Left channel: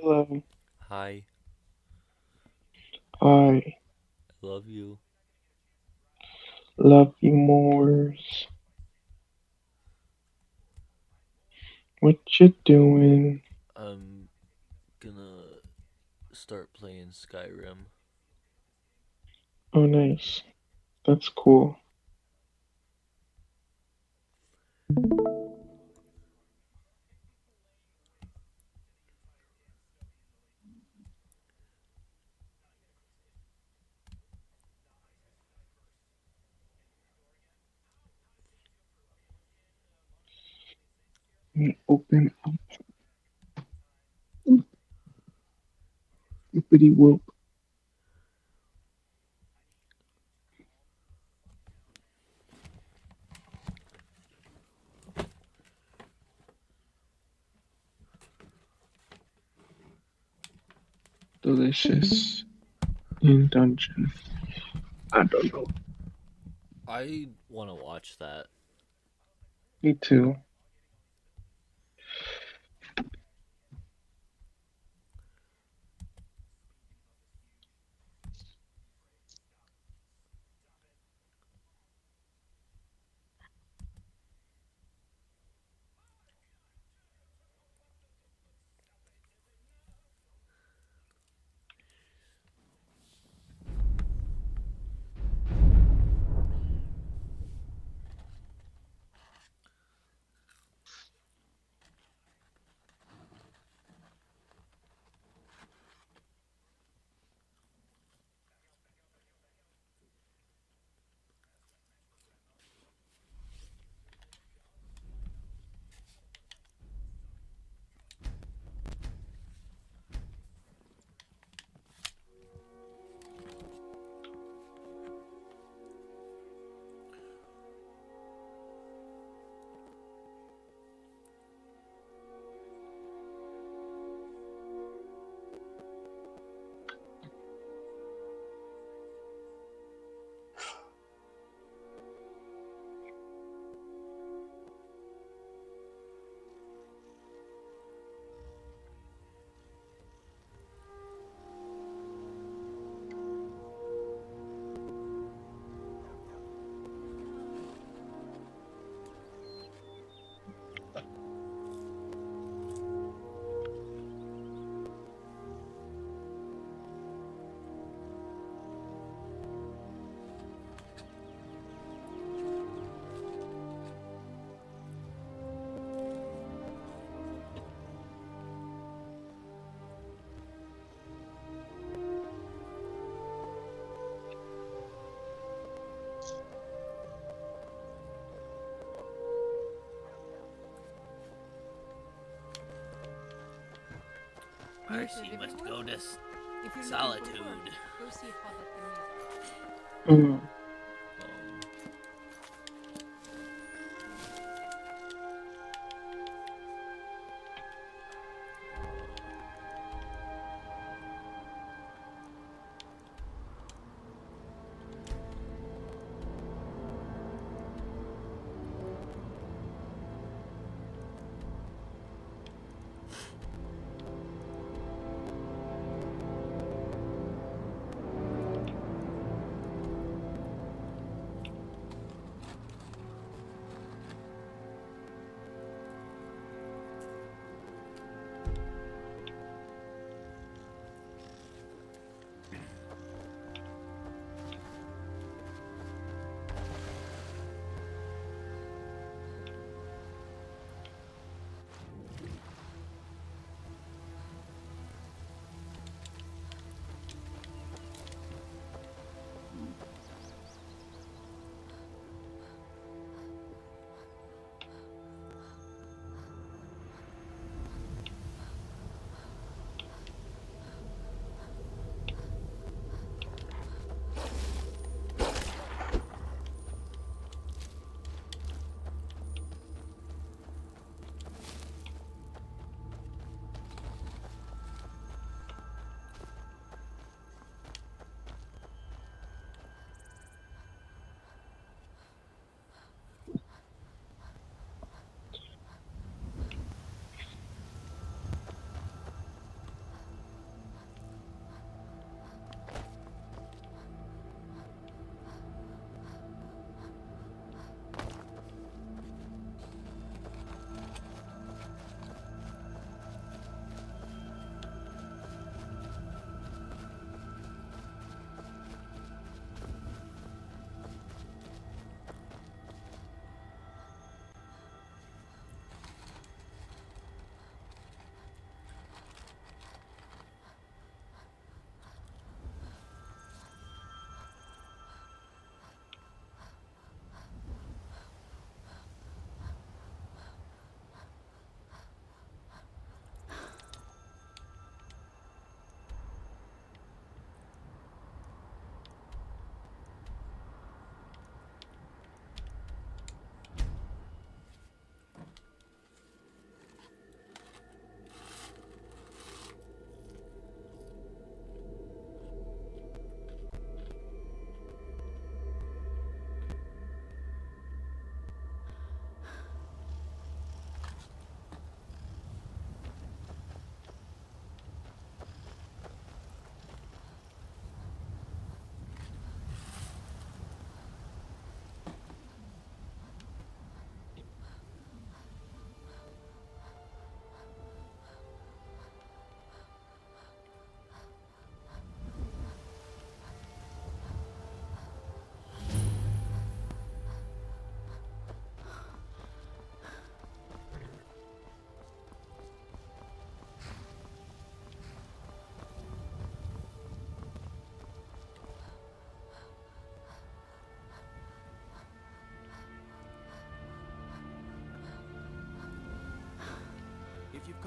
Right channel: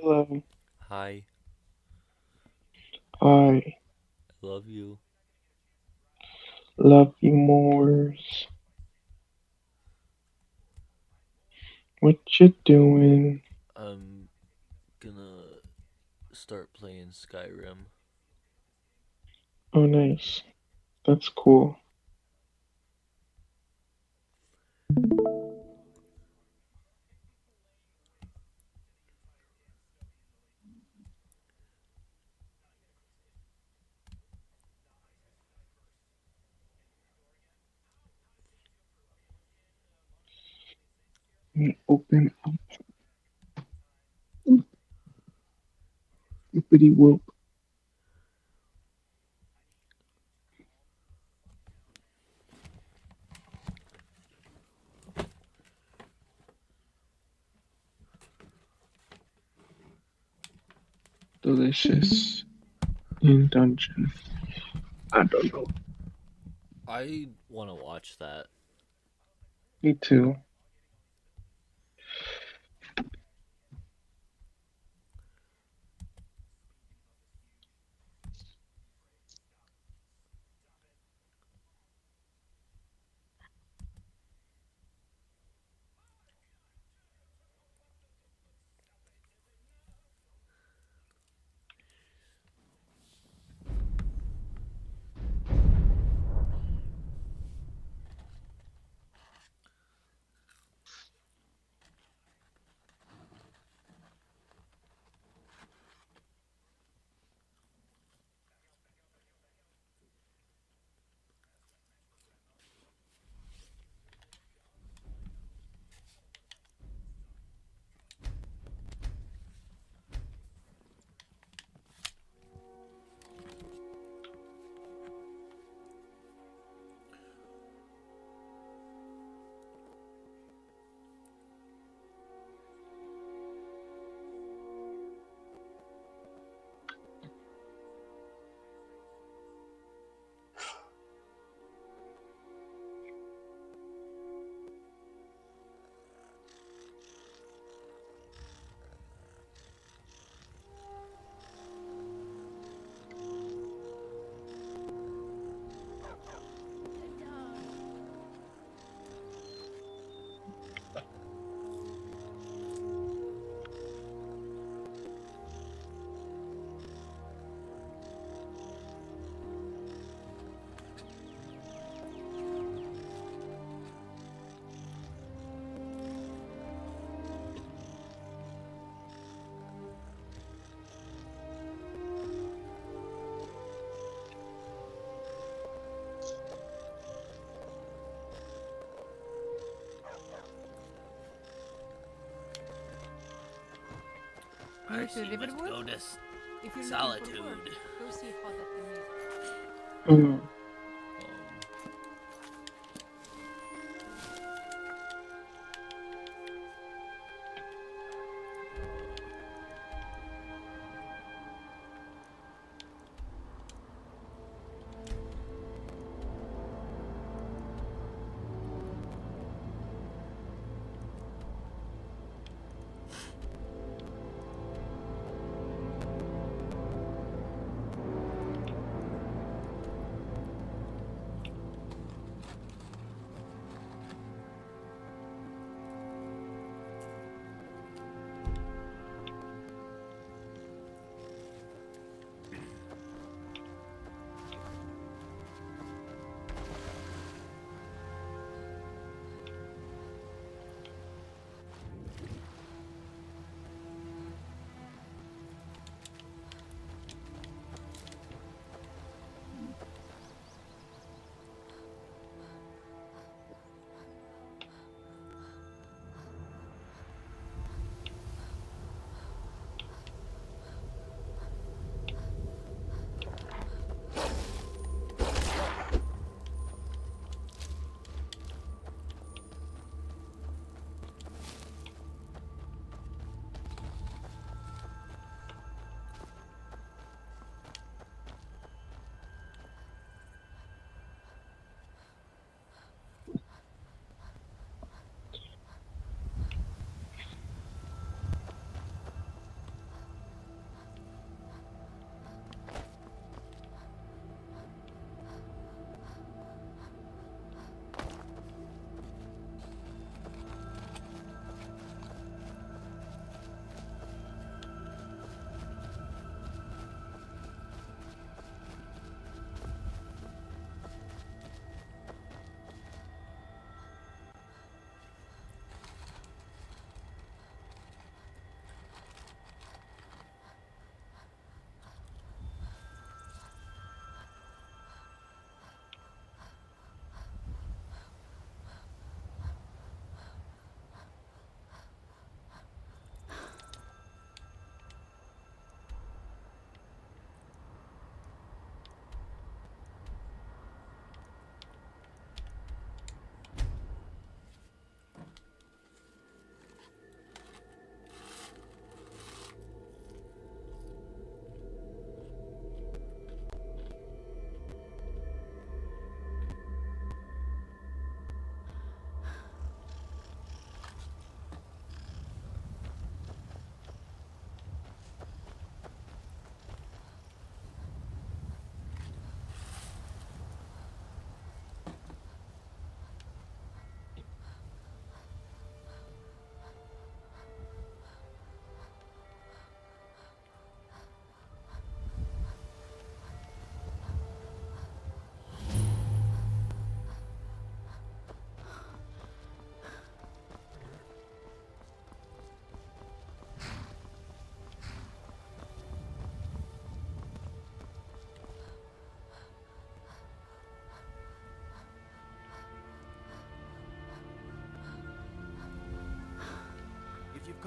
Hello. Hi, I I love you. love you more. What you doing? I'm gonna start playing Skyrim. Oh, nice. That's cool. Open up. Oopity whoop. Delicious in dungeon. I don't know. I want to watch that. Me too. New to Marcy, let's Riverwood? go to If you're looking for work, Solitude. go see Father Camille. Mm. Um,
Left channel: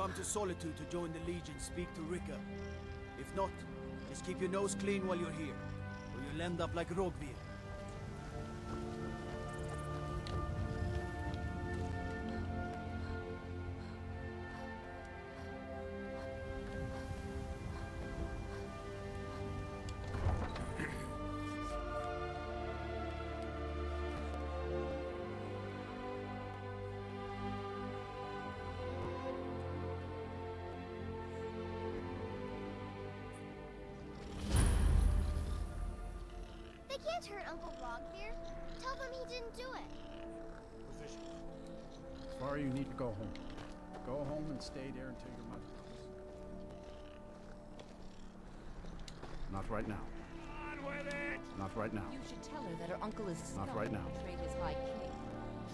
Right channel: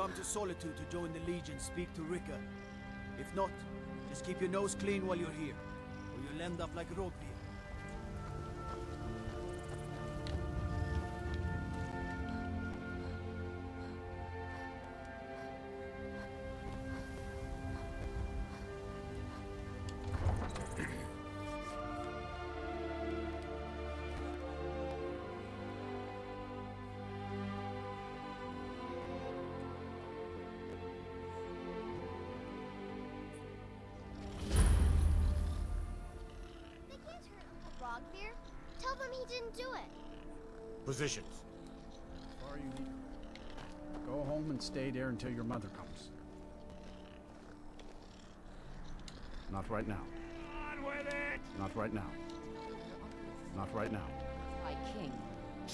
come to Solitude to join the Legion, speak to Rika. If not, just keep your nose clean while you're here, or you'll end up like Rogvir. They can't hurt Uncle Rogvir. Tell them he didn't do it. Positions. Far you need to go home. Go home and stay there until your mother comes. Not right now. On with it! Not right now. You should tell her that her uncle is Not still right now. portrayed as High King.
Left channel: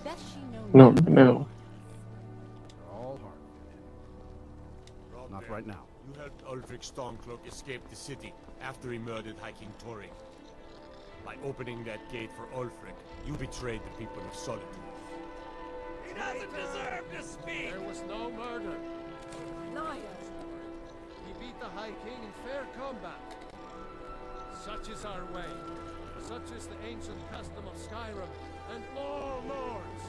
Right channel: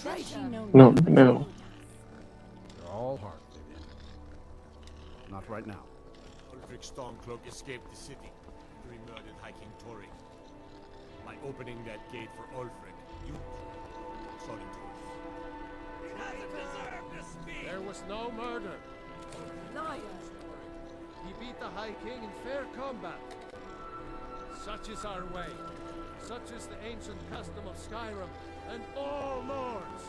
Does she know No, now? no. They're all heart, Vivian. Not right now. You helped Ulfric Stormcloak escape the city after he murdered High King Tori. By opening that gate for Ulfric, you betrayed the people of Solitude. He doesn't deserve to speak! There was no murder. Liar! He beat the High King in fair combat. Such is our way. Such is the ancient custom of Skyrim and all lords.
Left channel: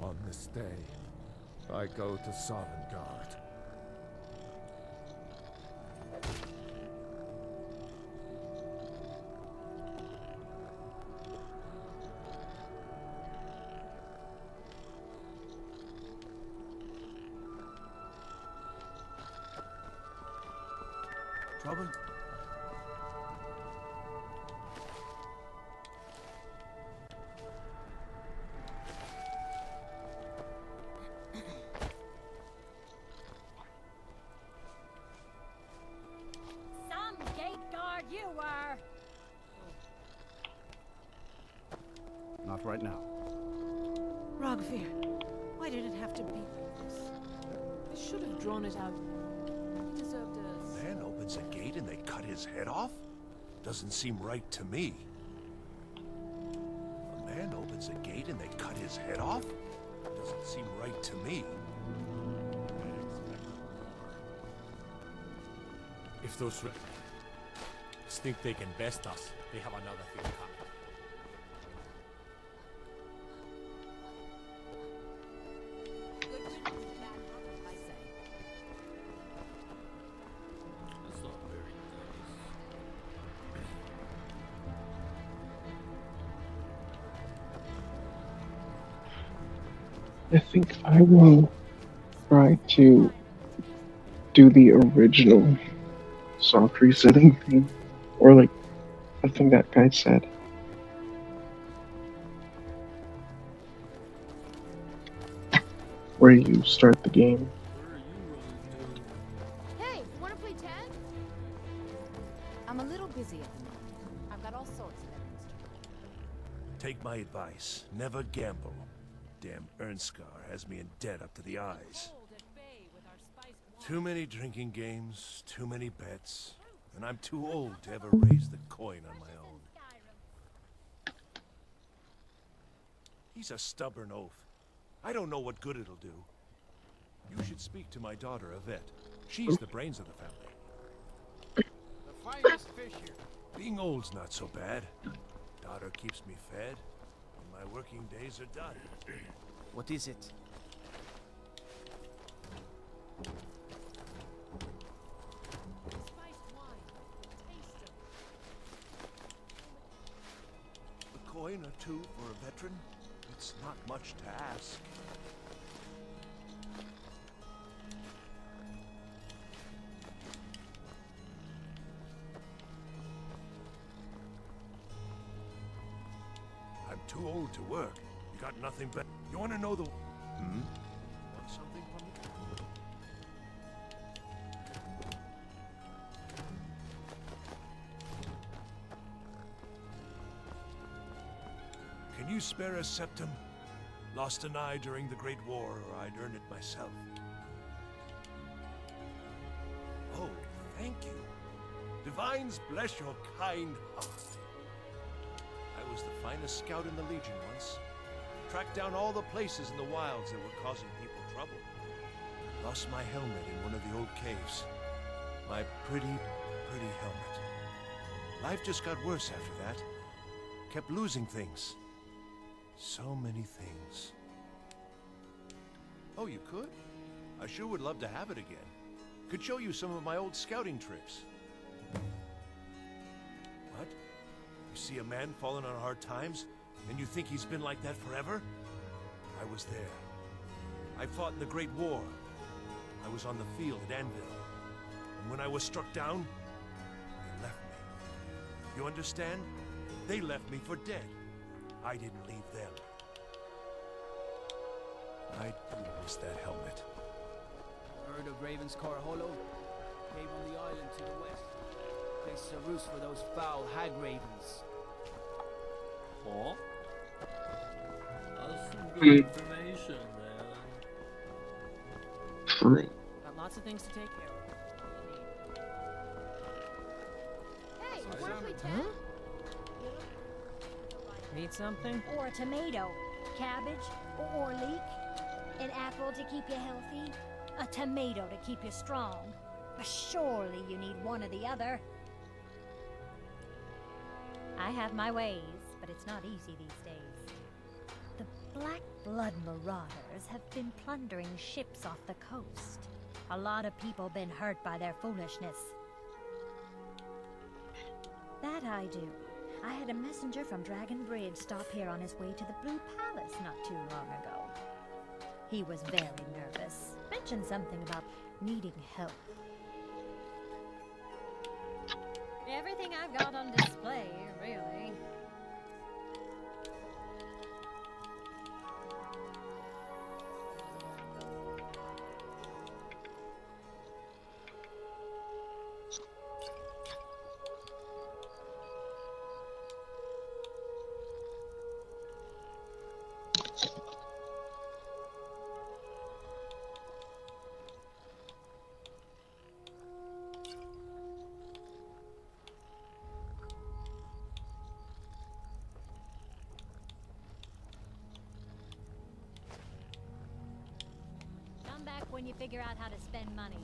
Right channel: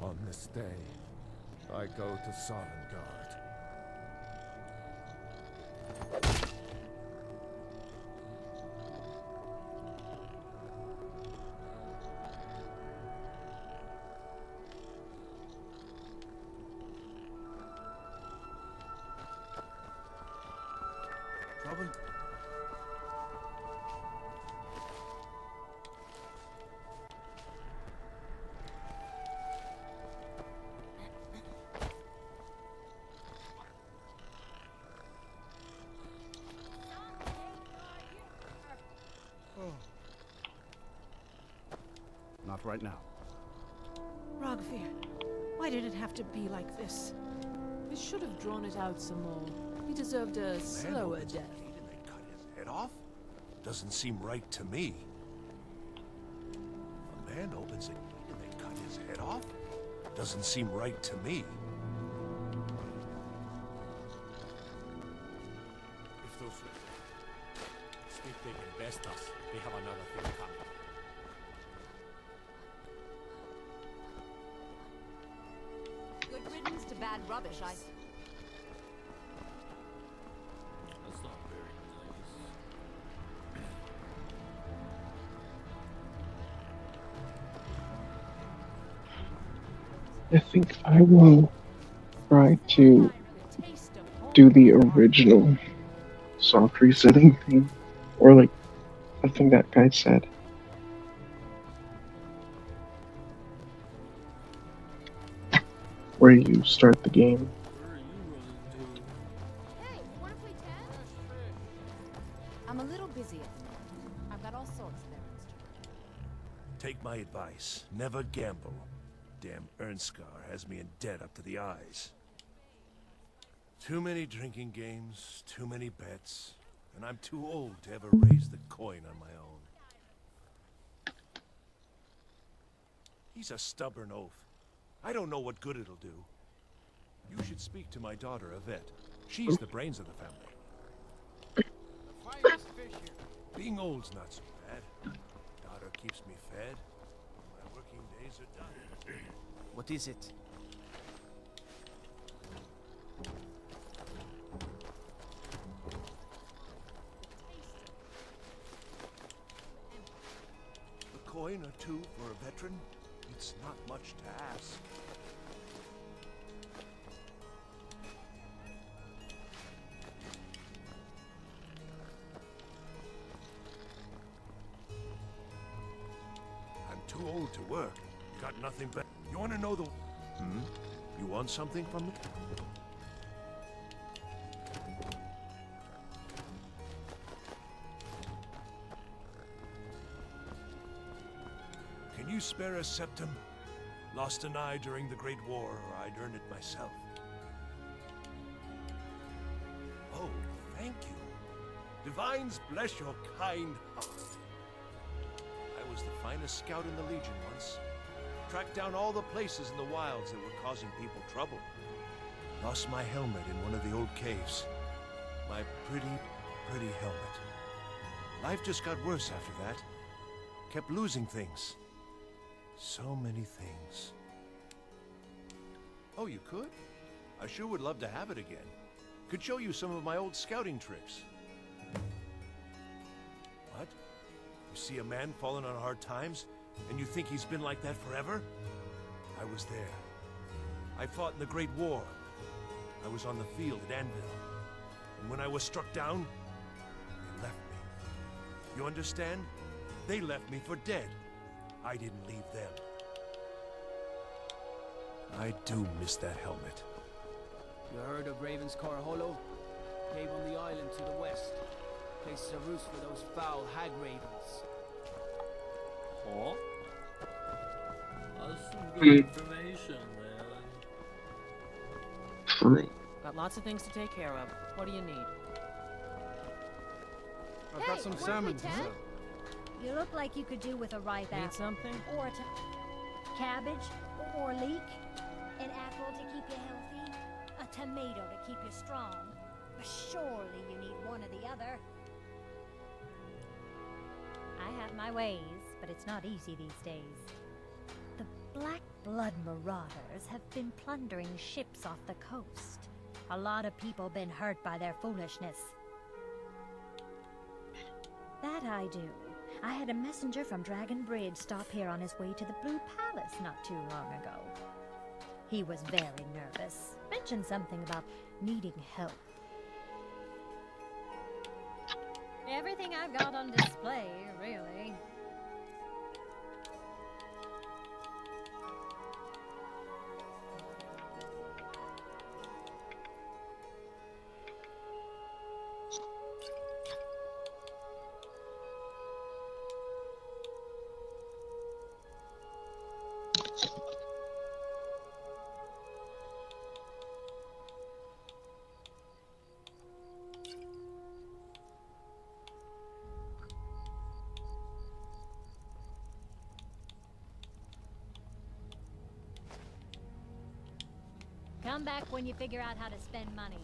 On this day, I go to Sovngarde. Trouble? Some gate guard you are! Not right now. Rogvir, why did it have to be like this? We should have drawn it out some more. He deserved a Man slower opens death. a gate and they cut his head off? Doesn't seem right to me. A man opens a gate and they cut his head off? Doesn't seem right to me. If those think they can best us, they have another thing coming. Good riddance to bad rubbish, I say. That's not very I think I will try to do the original soft resetting thing. Or like I think that guy said. Where you start the game. Where are you running to? Hey, wanna play tag? I'm a little busy at the moment. I've got all sorts of errands to run. Take my advice. Never gamble. Damn Ernskar has me in debt up to the eyes. Too many drinking games, too many bets, and I'm too old to ever raise the coin on my own. He's a stubborn oaf. I don't know what good it'll do. You should speak to my daughter, Yvette. She's the brains of the family. The finest fish here. Being old's not so bad. Daughter keeps me fed, and my working days are done. What is it? A coin or two for a veteran? It's not much to ask. I'm too old to work. You got nothing better. You want to know the... Hmm? You want something from me? Can you spare a septum? Lost an eye during the Great War, or I'd earn it myself. Oh, thank you. Divines bless your kind heart. I was the finest scout in the Legion once. Tracked down all the places in the wilds that were causing people trouble. Lost my helmet in one of the old caves. My pretty, pretty helmet. Life just got worse after that. Kept losing things. So many things. Oh, you could? I sure would love to have it again. Could show you some of my old scouting tricks. What? You see a man falling on hard times, and you think he's been like that forever? I was there. I fought in the Great War. I was on the field at Anvil. And when I was struck down, they left me. You understand? They left me for dead. I didn't leave them. I do miss that helmet. You heard of Ravenscar Hollow? Cave on the island to the west. Places a roost for those foul hag ravens. Huh? That's some good information, man. True. Got lots of things to take care of. What do you need? I've got some salmon. You look like you could do with a ripe Need apple. something? Or a tomato. Cabbage. Or leek. An apple to keep you healthy. A tomato to keep you strong. But surely you need one or the other. I have my ways, but it's not easy these days. The Black Blood Marauders have been plundering ships off the coast. A lot of people been hurt by their foolishness. That I do. I had a messenger from Dragon Bridge stop here on his way to the Blue Palace not too long ago. He was very nervous. Mentioned something about needing help. Everything I've got on display, really. Come back when you figure out how to spend money.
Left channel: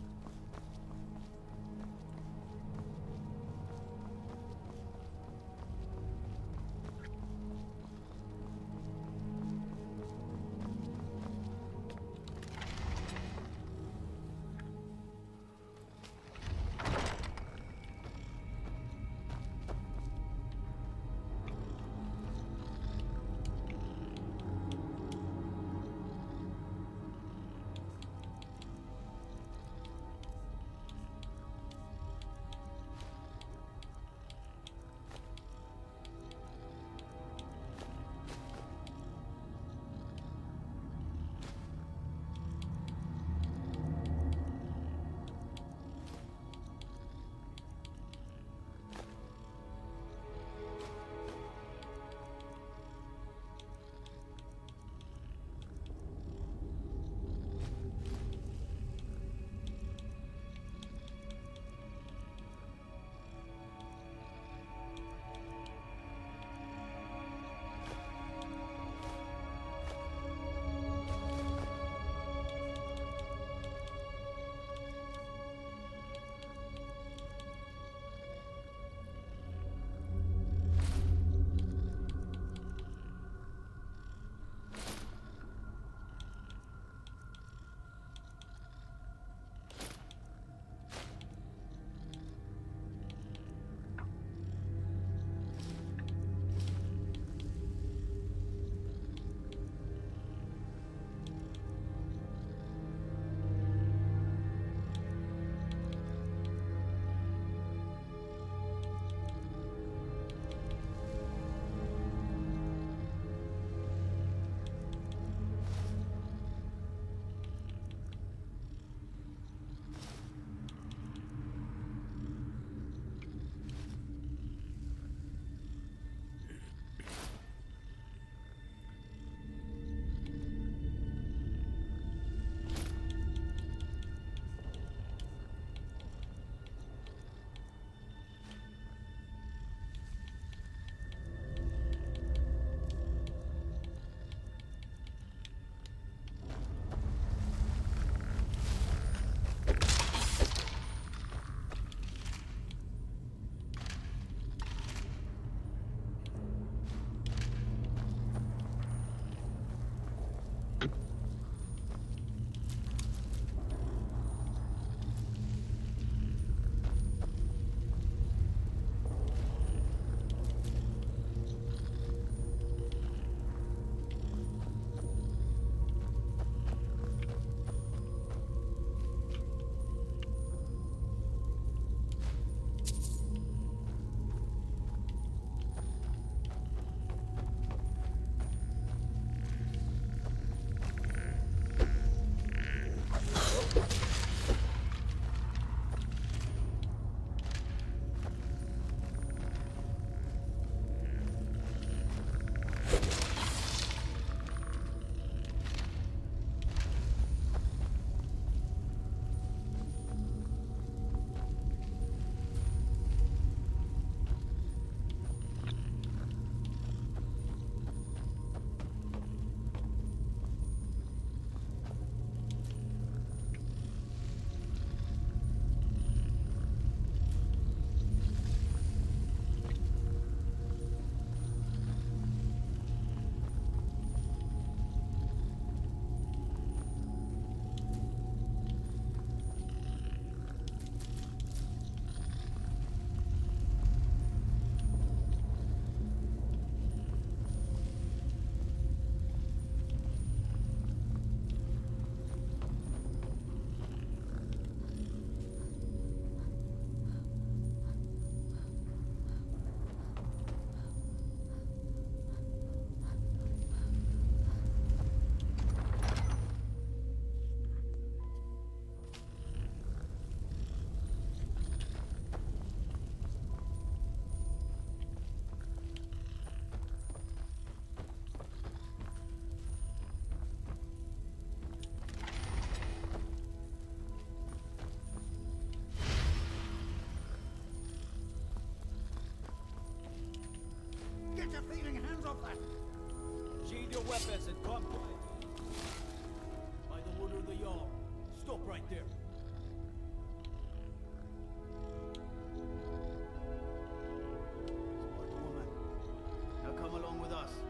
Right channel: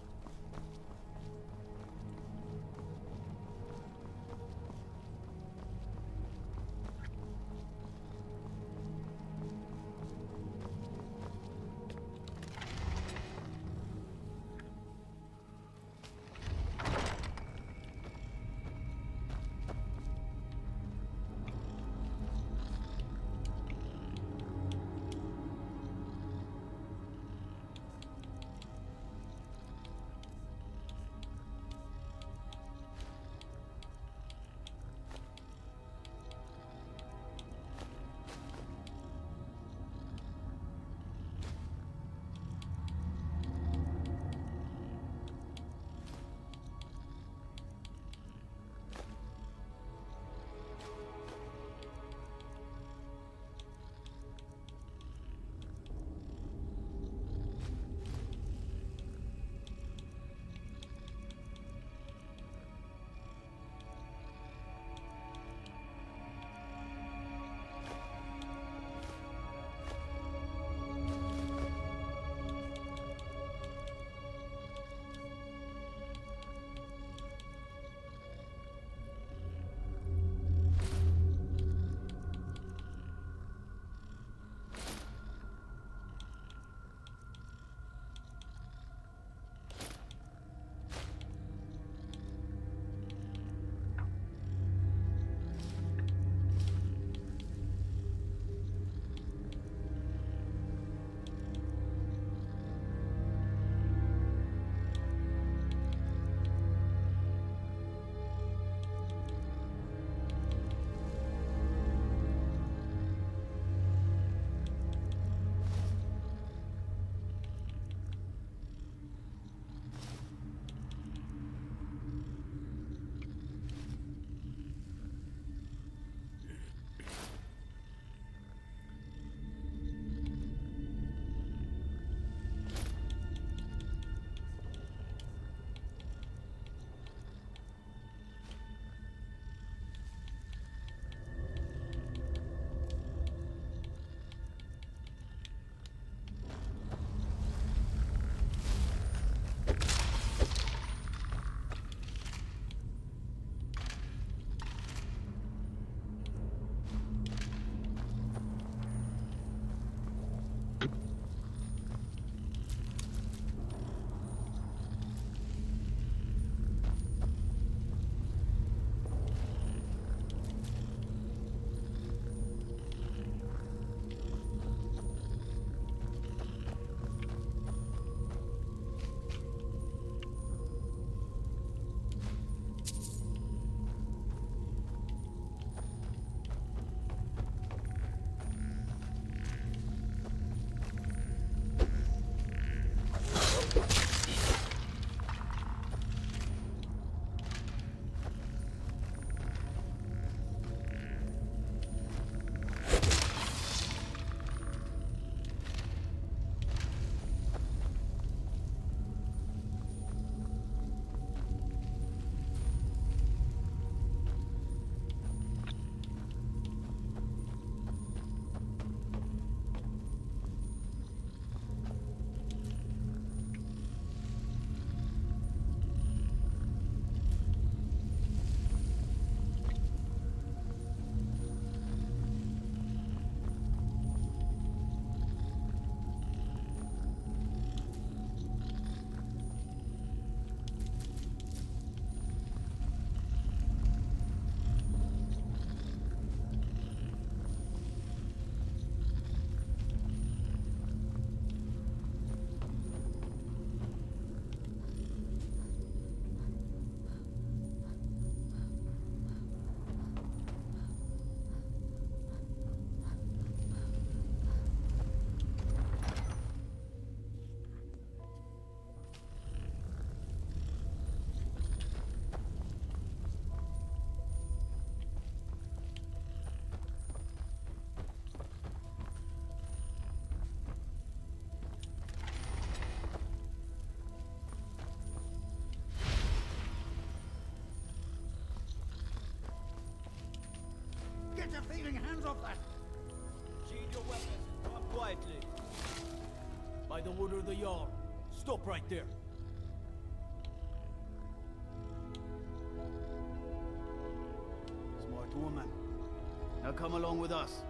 your thieving hands off that! Sheathe your weapons and come quietly. By the order of the Jarl, stop right there. Smart woman. Now come along with us.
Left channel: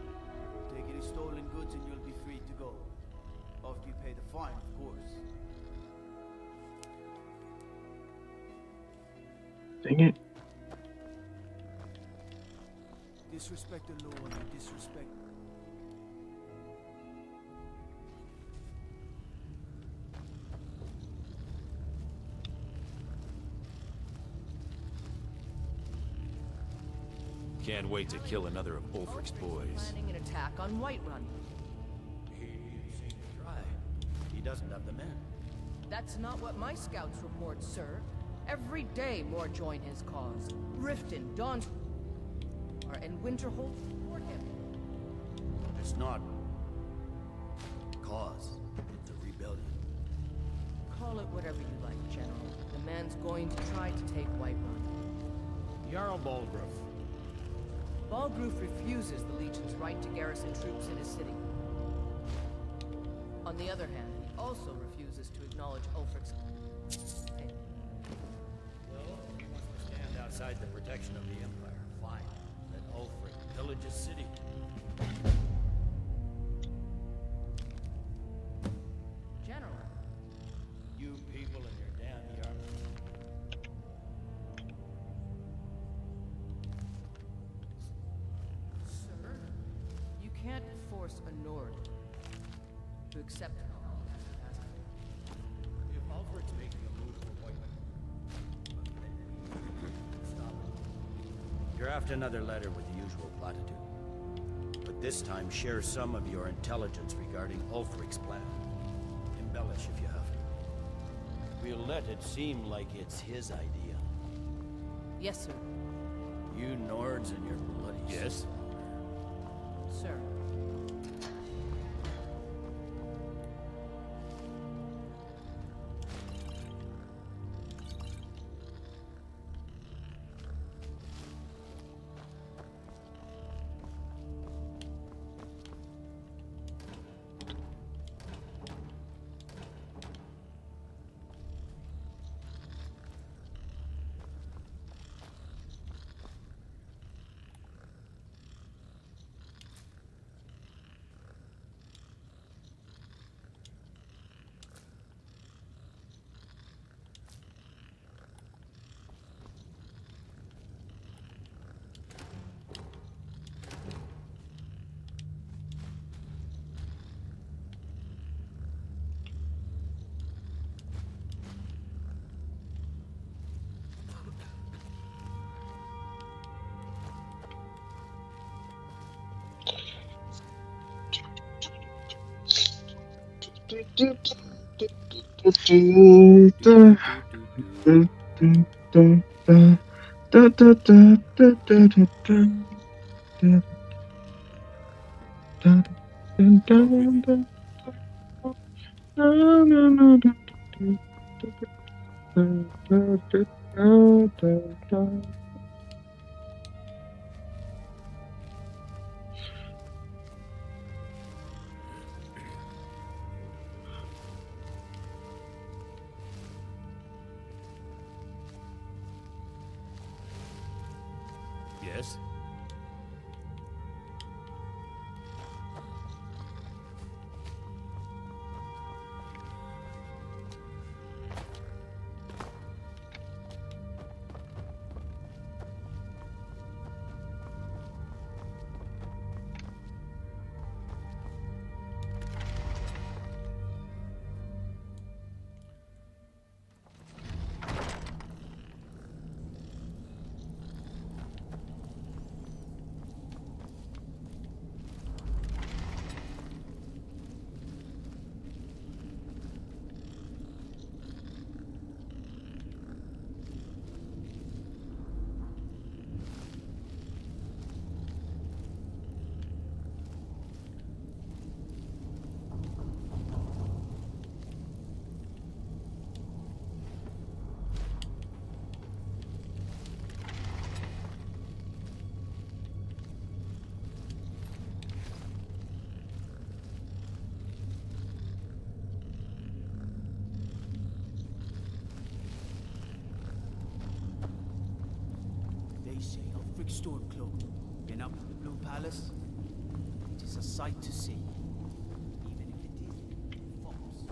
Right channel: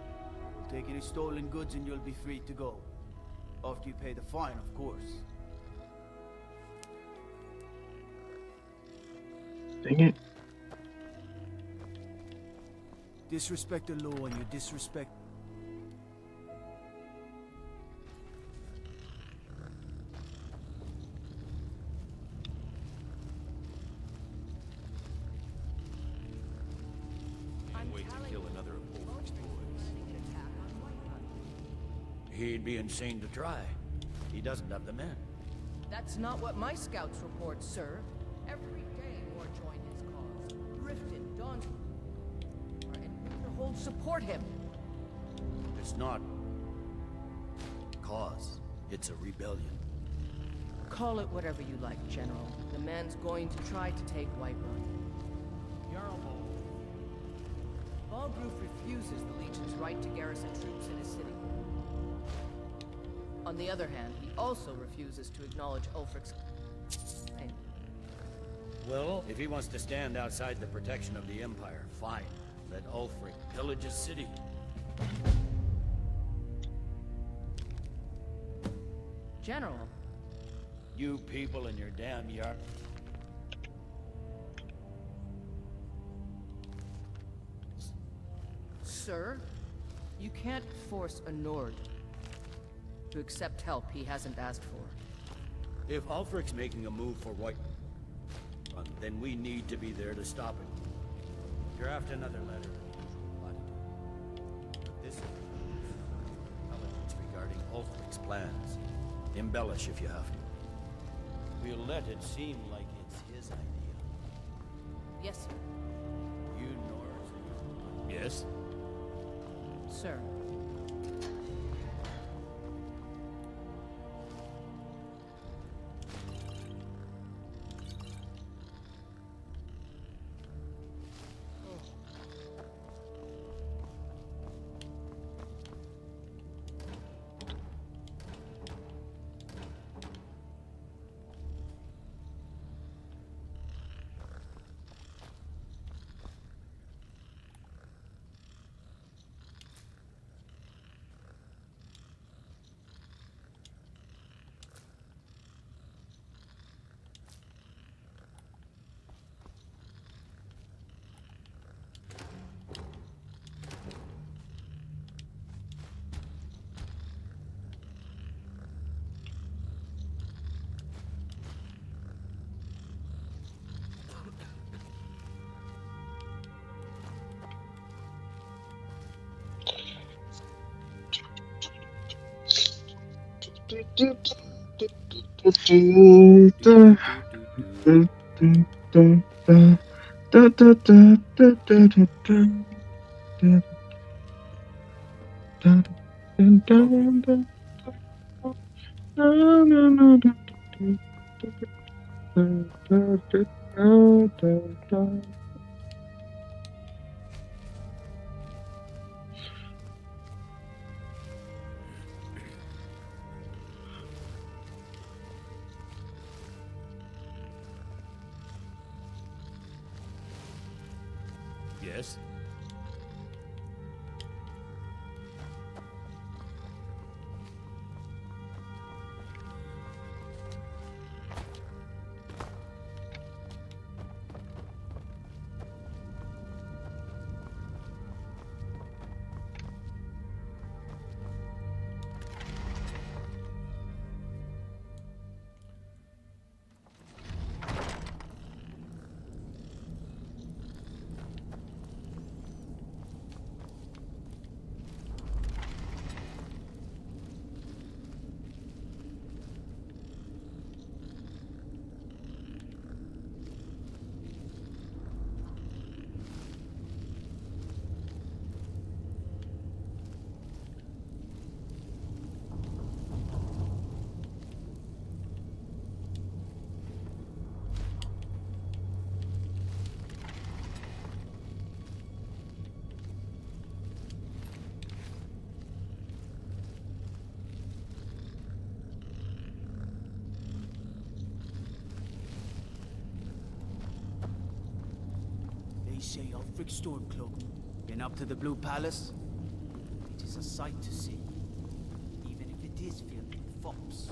We'll take any stolen goods and you'll be free to go. After you pay the fine, of course. Dang it. Disrespect the law and you disrespect... Can't wait to kill another of Ulfric's boys. Planning an attack on Whiterun. He'd be insane to try. He doesn't have the men. That's not what my scouts report, sir. Every day more join his cause. Riften, Dawn, and Winterhold support him. It's not... cause. It's a rebellion. Call it whatever you like, General. The man's going to try to take Whiterun. Jarl Balgruf. Balgruf refuses the Legion's right to garrison troops in his city. On the other hand, he also refuses to acknowledge Ulfric's claim. Well, if he wants to stand outside the protection of the Empire, fine. Let Ulfric pillage his city. General. You people and your damn yard. Sir, you can't force a Nord to accept help he hasn't asked for. If Ulfric's making a move for White, then we need to be there to stop it. Draft another letter with the usual platitude. But this time, share some of your intelligence regarding Ulfric's plans. Embellish if you have to. We'll let it seem like it's his idea. Yes, sir. You Nords and your bloody... Yes? Sir. Yes? Ulfric Stormcloak. Been up to the Blue Palace? It is a sight to see, even if it is filled with fops.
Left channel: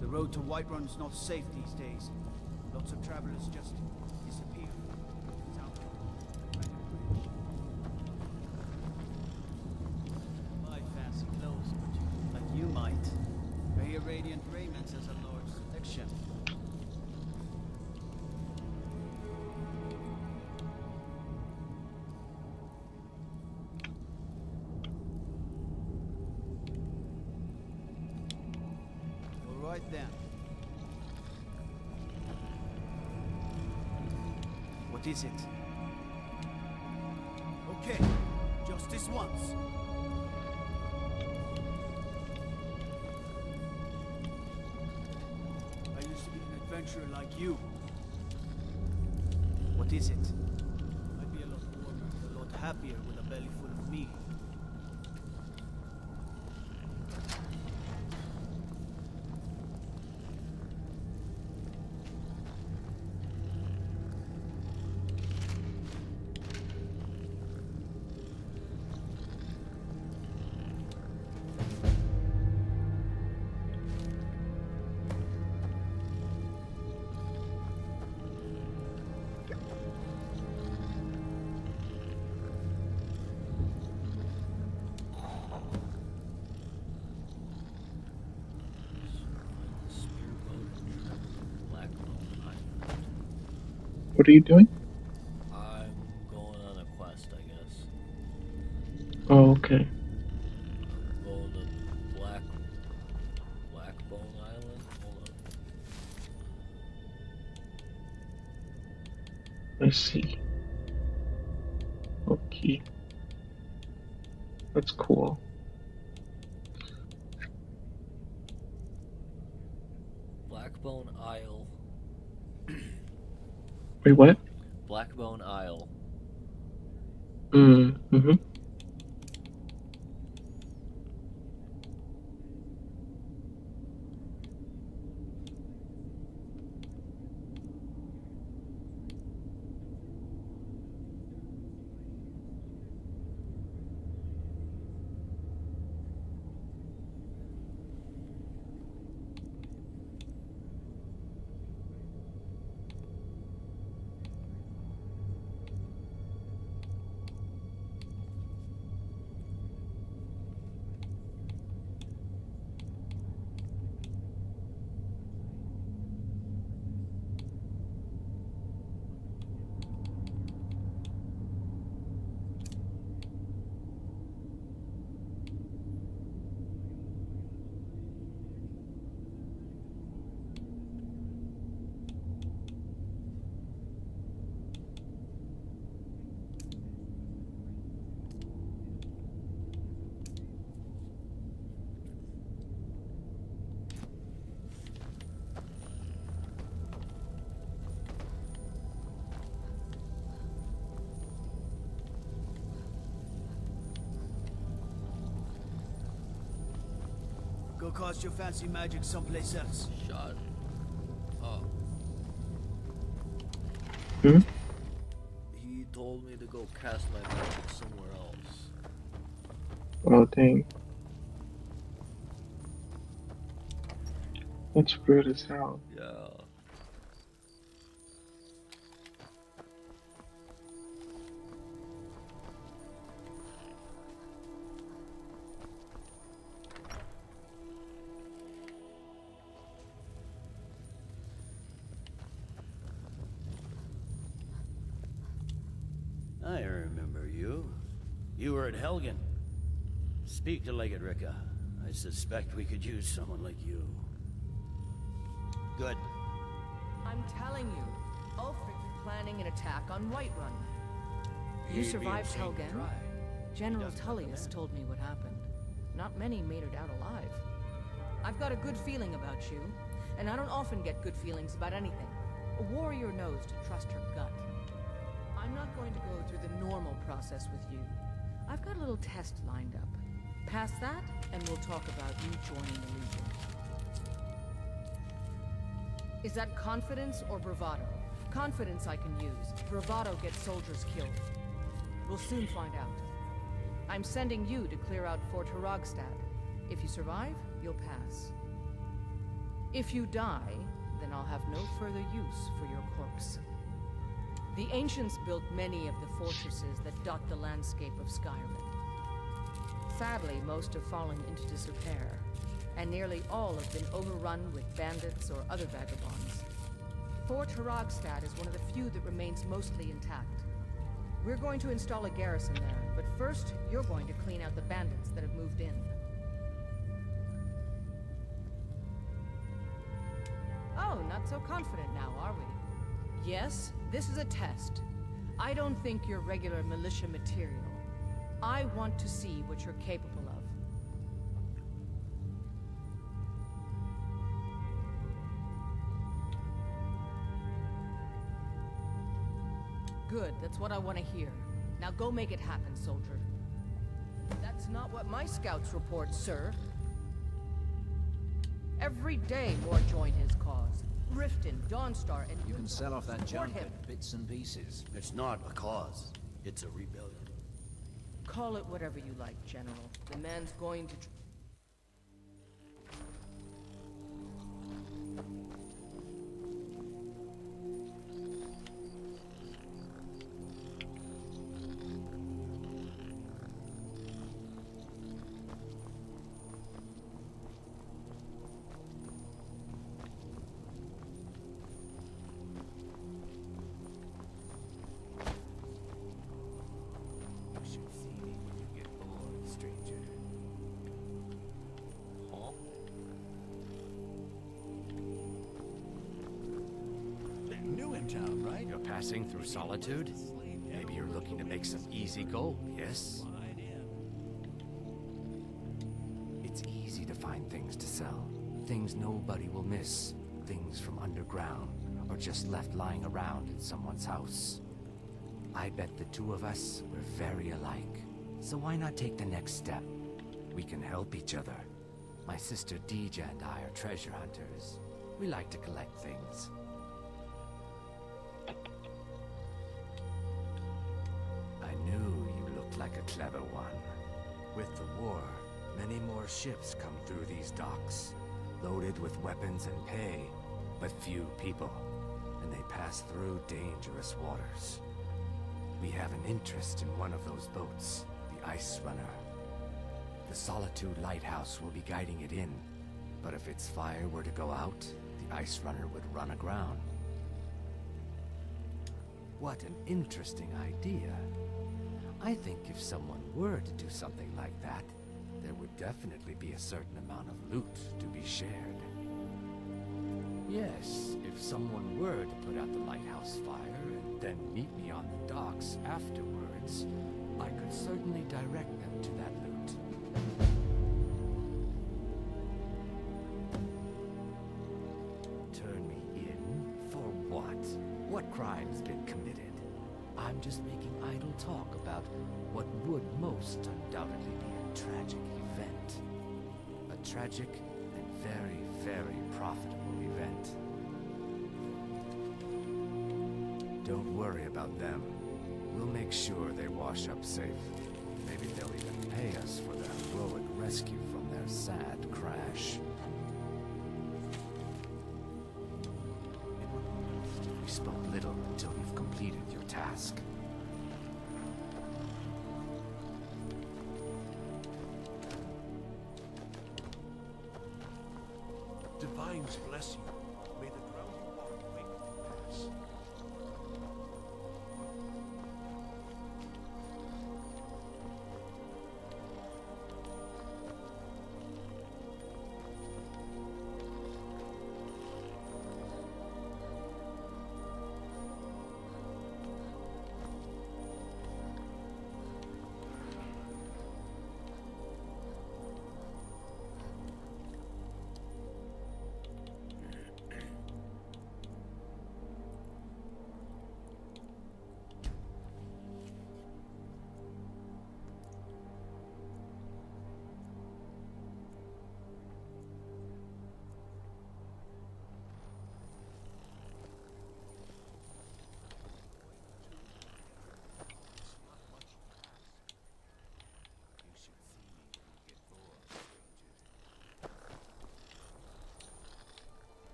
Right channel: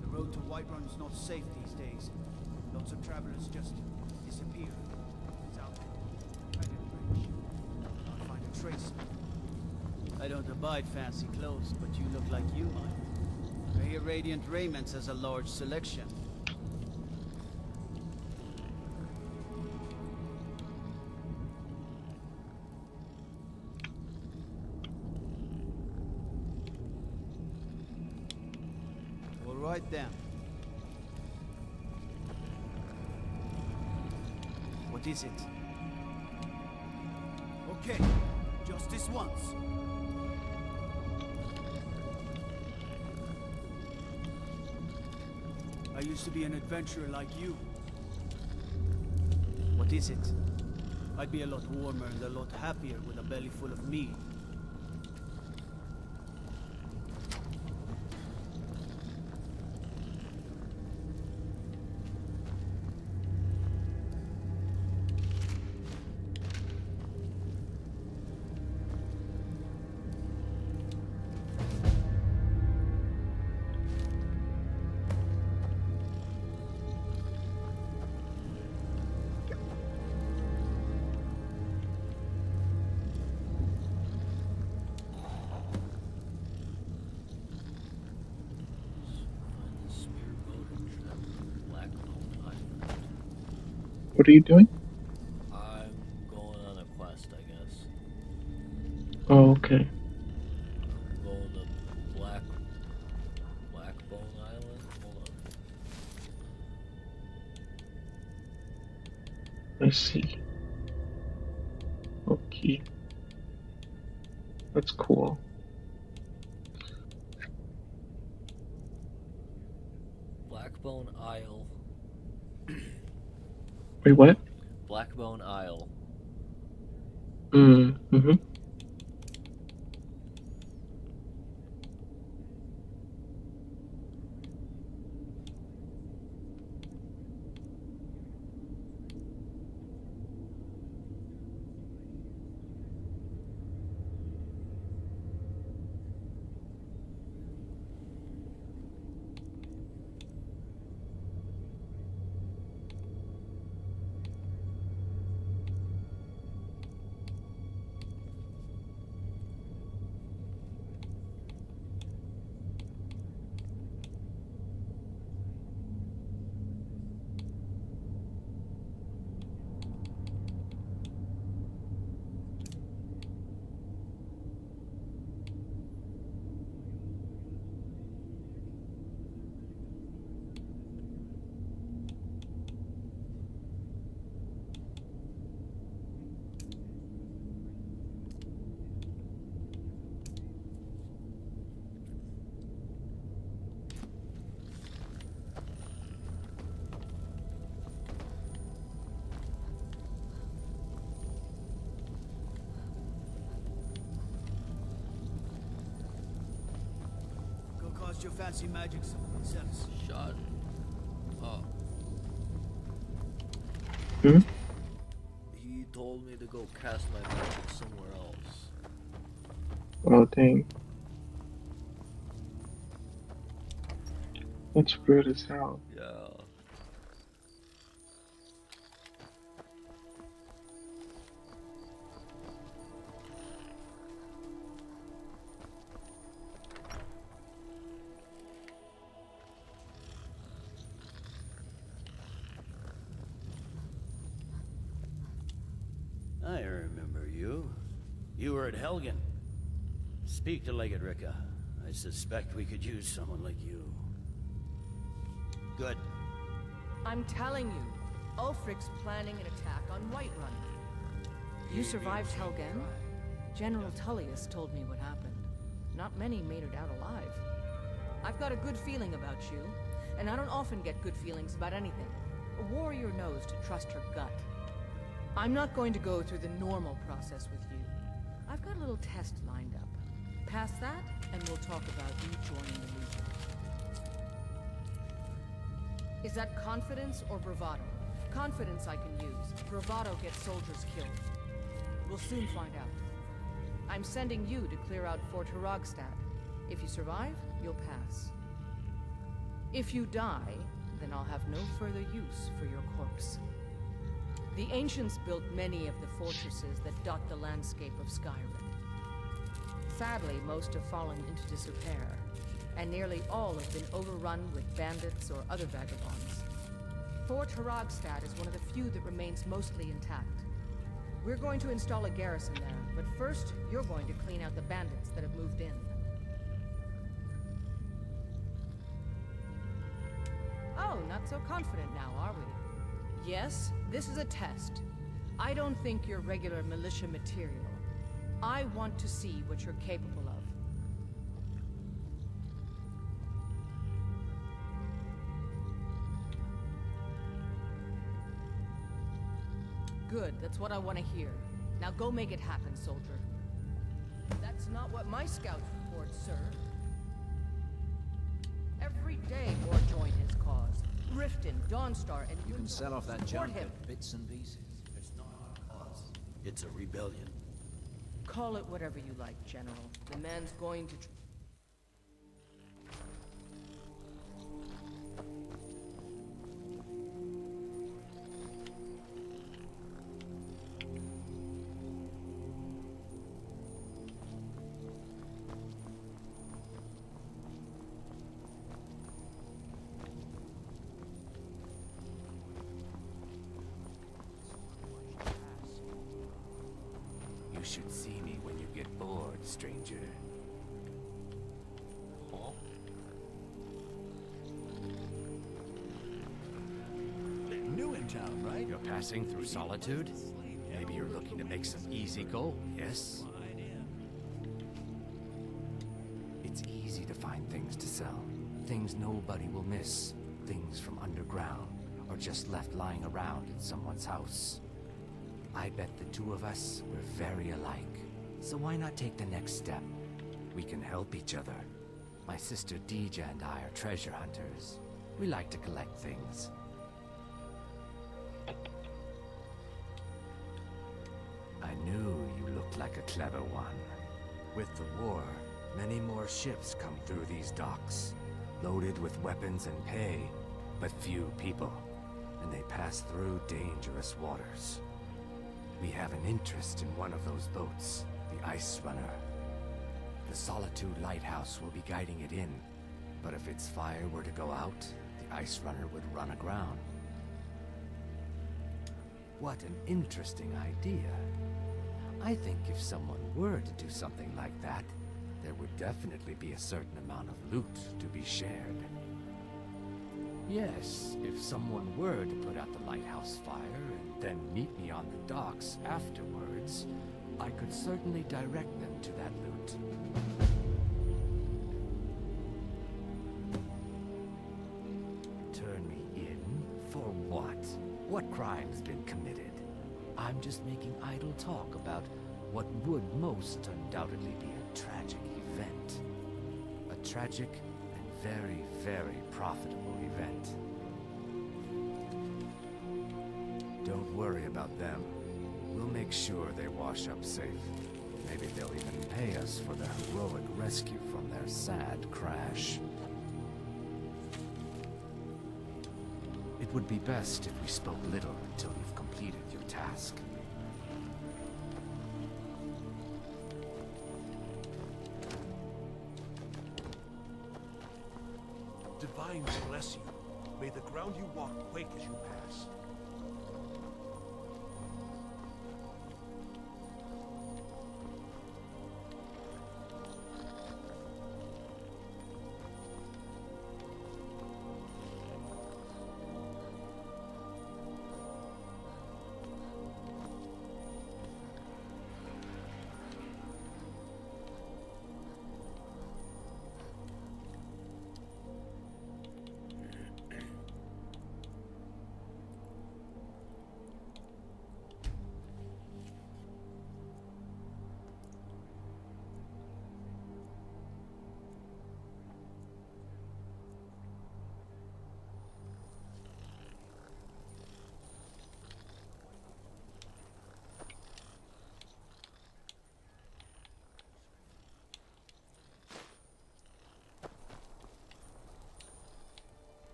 The road to Whiterun is not safe these days. Lots of travelers just disappear. It's out there. Right at the bridge. Can't find a trace. I don't abide fancy clothes, but you look like you might. I hear Radiant Raiments has a large selection. All right then. What is it? Okay, just this once. I used to be an adventurer like you. What is it? I'd be a lot warmer and a lot happier with a belly full of meat. What are you doing? I'm going on a quest, I guess. Oh, okay. I'm going to Blackbone Island. Hold on. I see. Okay. That's cool. Blackbone Isle. Wait, what? Blackbone Isle. Mm-hmm. cast your fancy magic someplace else. Shut up. Hmm? He told me to go cast my magic somewhere else. Oh, dang. That's weird as hell. Yeah. I remember you. You were at Helgen. Speak to Legate Ricka. I suspect we could use someone like you. Good. I'm telling you, Ulfric's planning an attack on Whiterun. You survived Helgen? General Tullius told me what happened. Not many made it out alive. I've got a good feeling about you, and I don't often get good feelings about anything. A warrior knows to trust her gut. I'm not going to go through the normal process with you. I've got a little test lined up. Pass that, and we'll talk about you joining the Legion. Is that confidence or bravado? Confidence I can use. Bravado gets soldiers killed. We'll soon find out. I'm sending you to clear out Fort Hrogstad. If you survive, you'll pass. If you die, then I'll have no further use for your corpse. The ancients built many of the fortresses that dot the landscape of Skyrim. Sadly, most have fallen into disrepair, and nearly all have been overrun with bandits or other vagabonds. Fort Hrogstad is one of the few that remains mostly intact. We're going to install a garrison there, but first, you're going to clean out the bandits that have moved in. Oh, not so confident now, are we? Yes, this is a test. I don't think you're regular militia material. I want to see what you're capable of. Good, that's what I want to hear. Now go make it happen, soldier. That's not what my scouts report, sir. Every day more join his cause. Riften, Dawnstar, and You can sell off that support junk him. at bits and pieces. It's not a cause. It's a rebellion. Call it whatever you like, General. The man's going to... You should see me when you get bored, stranger. Huh? New in town, right? You're passing through Solitude? Maybe you're looking to make some easy gold, yes? It's easy to find things to sell. Things nobody will miss. Things from underground, or just left lying around in someone's house. I bet the two of us were very alike. So why not take the next step? We can help each other. My sister Deeja and I are treasure hunters. We like to collect things. I knew you looked like a clever one. With the war, many more ships come through these docks, loaded with weapons and pay, but few people, and they pass through dangerous waters. We have an interest in one of those boats, the Ice Runner. The Solitude Lighthouse will be guiding it in, but if its fire were to go out, the Ice Runner would run aground. What an interesting idea. I think if someone were to do something like that, there would definitely be a certain amount of loot to be shared. Yes, if someone were to put out the lighthouse fire and then meet me on the docks afterwards, I could certainly direct them to that loot. Turn me in? For what? What crime's been committed? I'm just making idle talk about what would most undoubtedly be a tragic event. A tragic and very, very profitable event. Don't worry about them. We'll make sure they wash up safe. Maybe they'll even pay us for their heroic rescue from their sad crash. It would be best if we spoke little until you've completed your task. Divines bless you. May the ground you walk quake as you pass.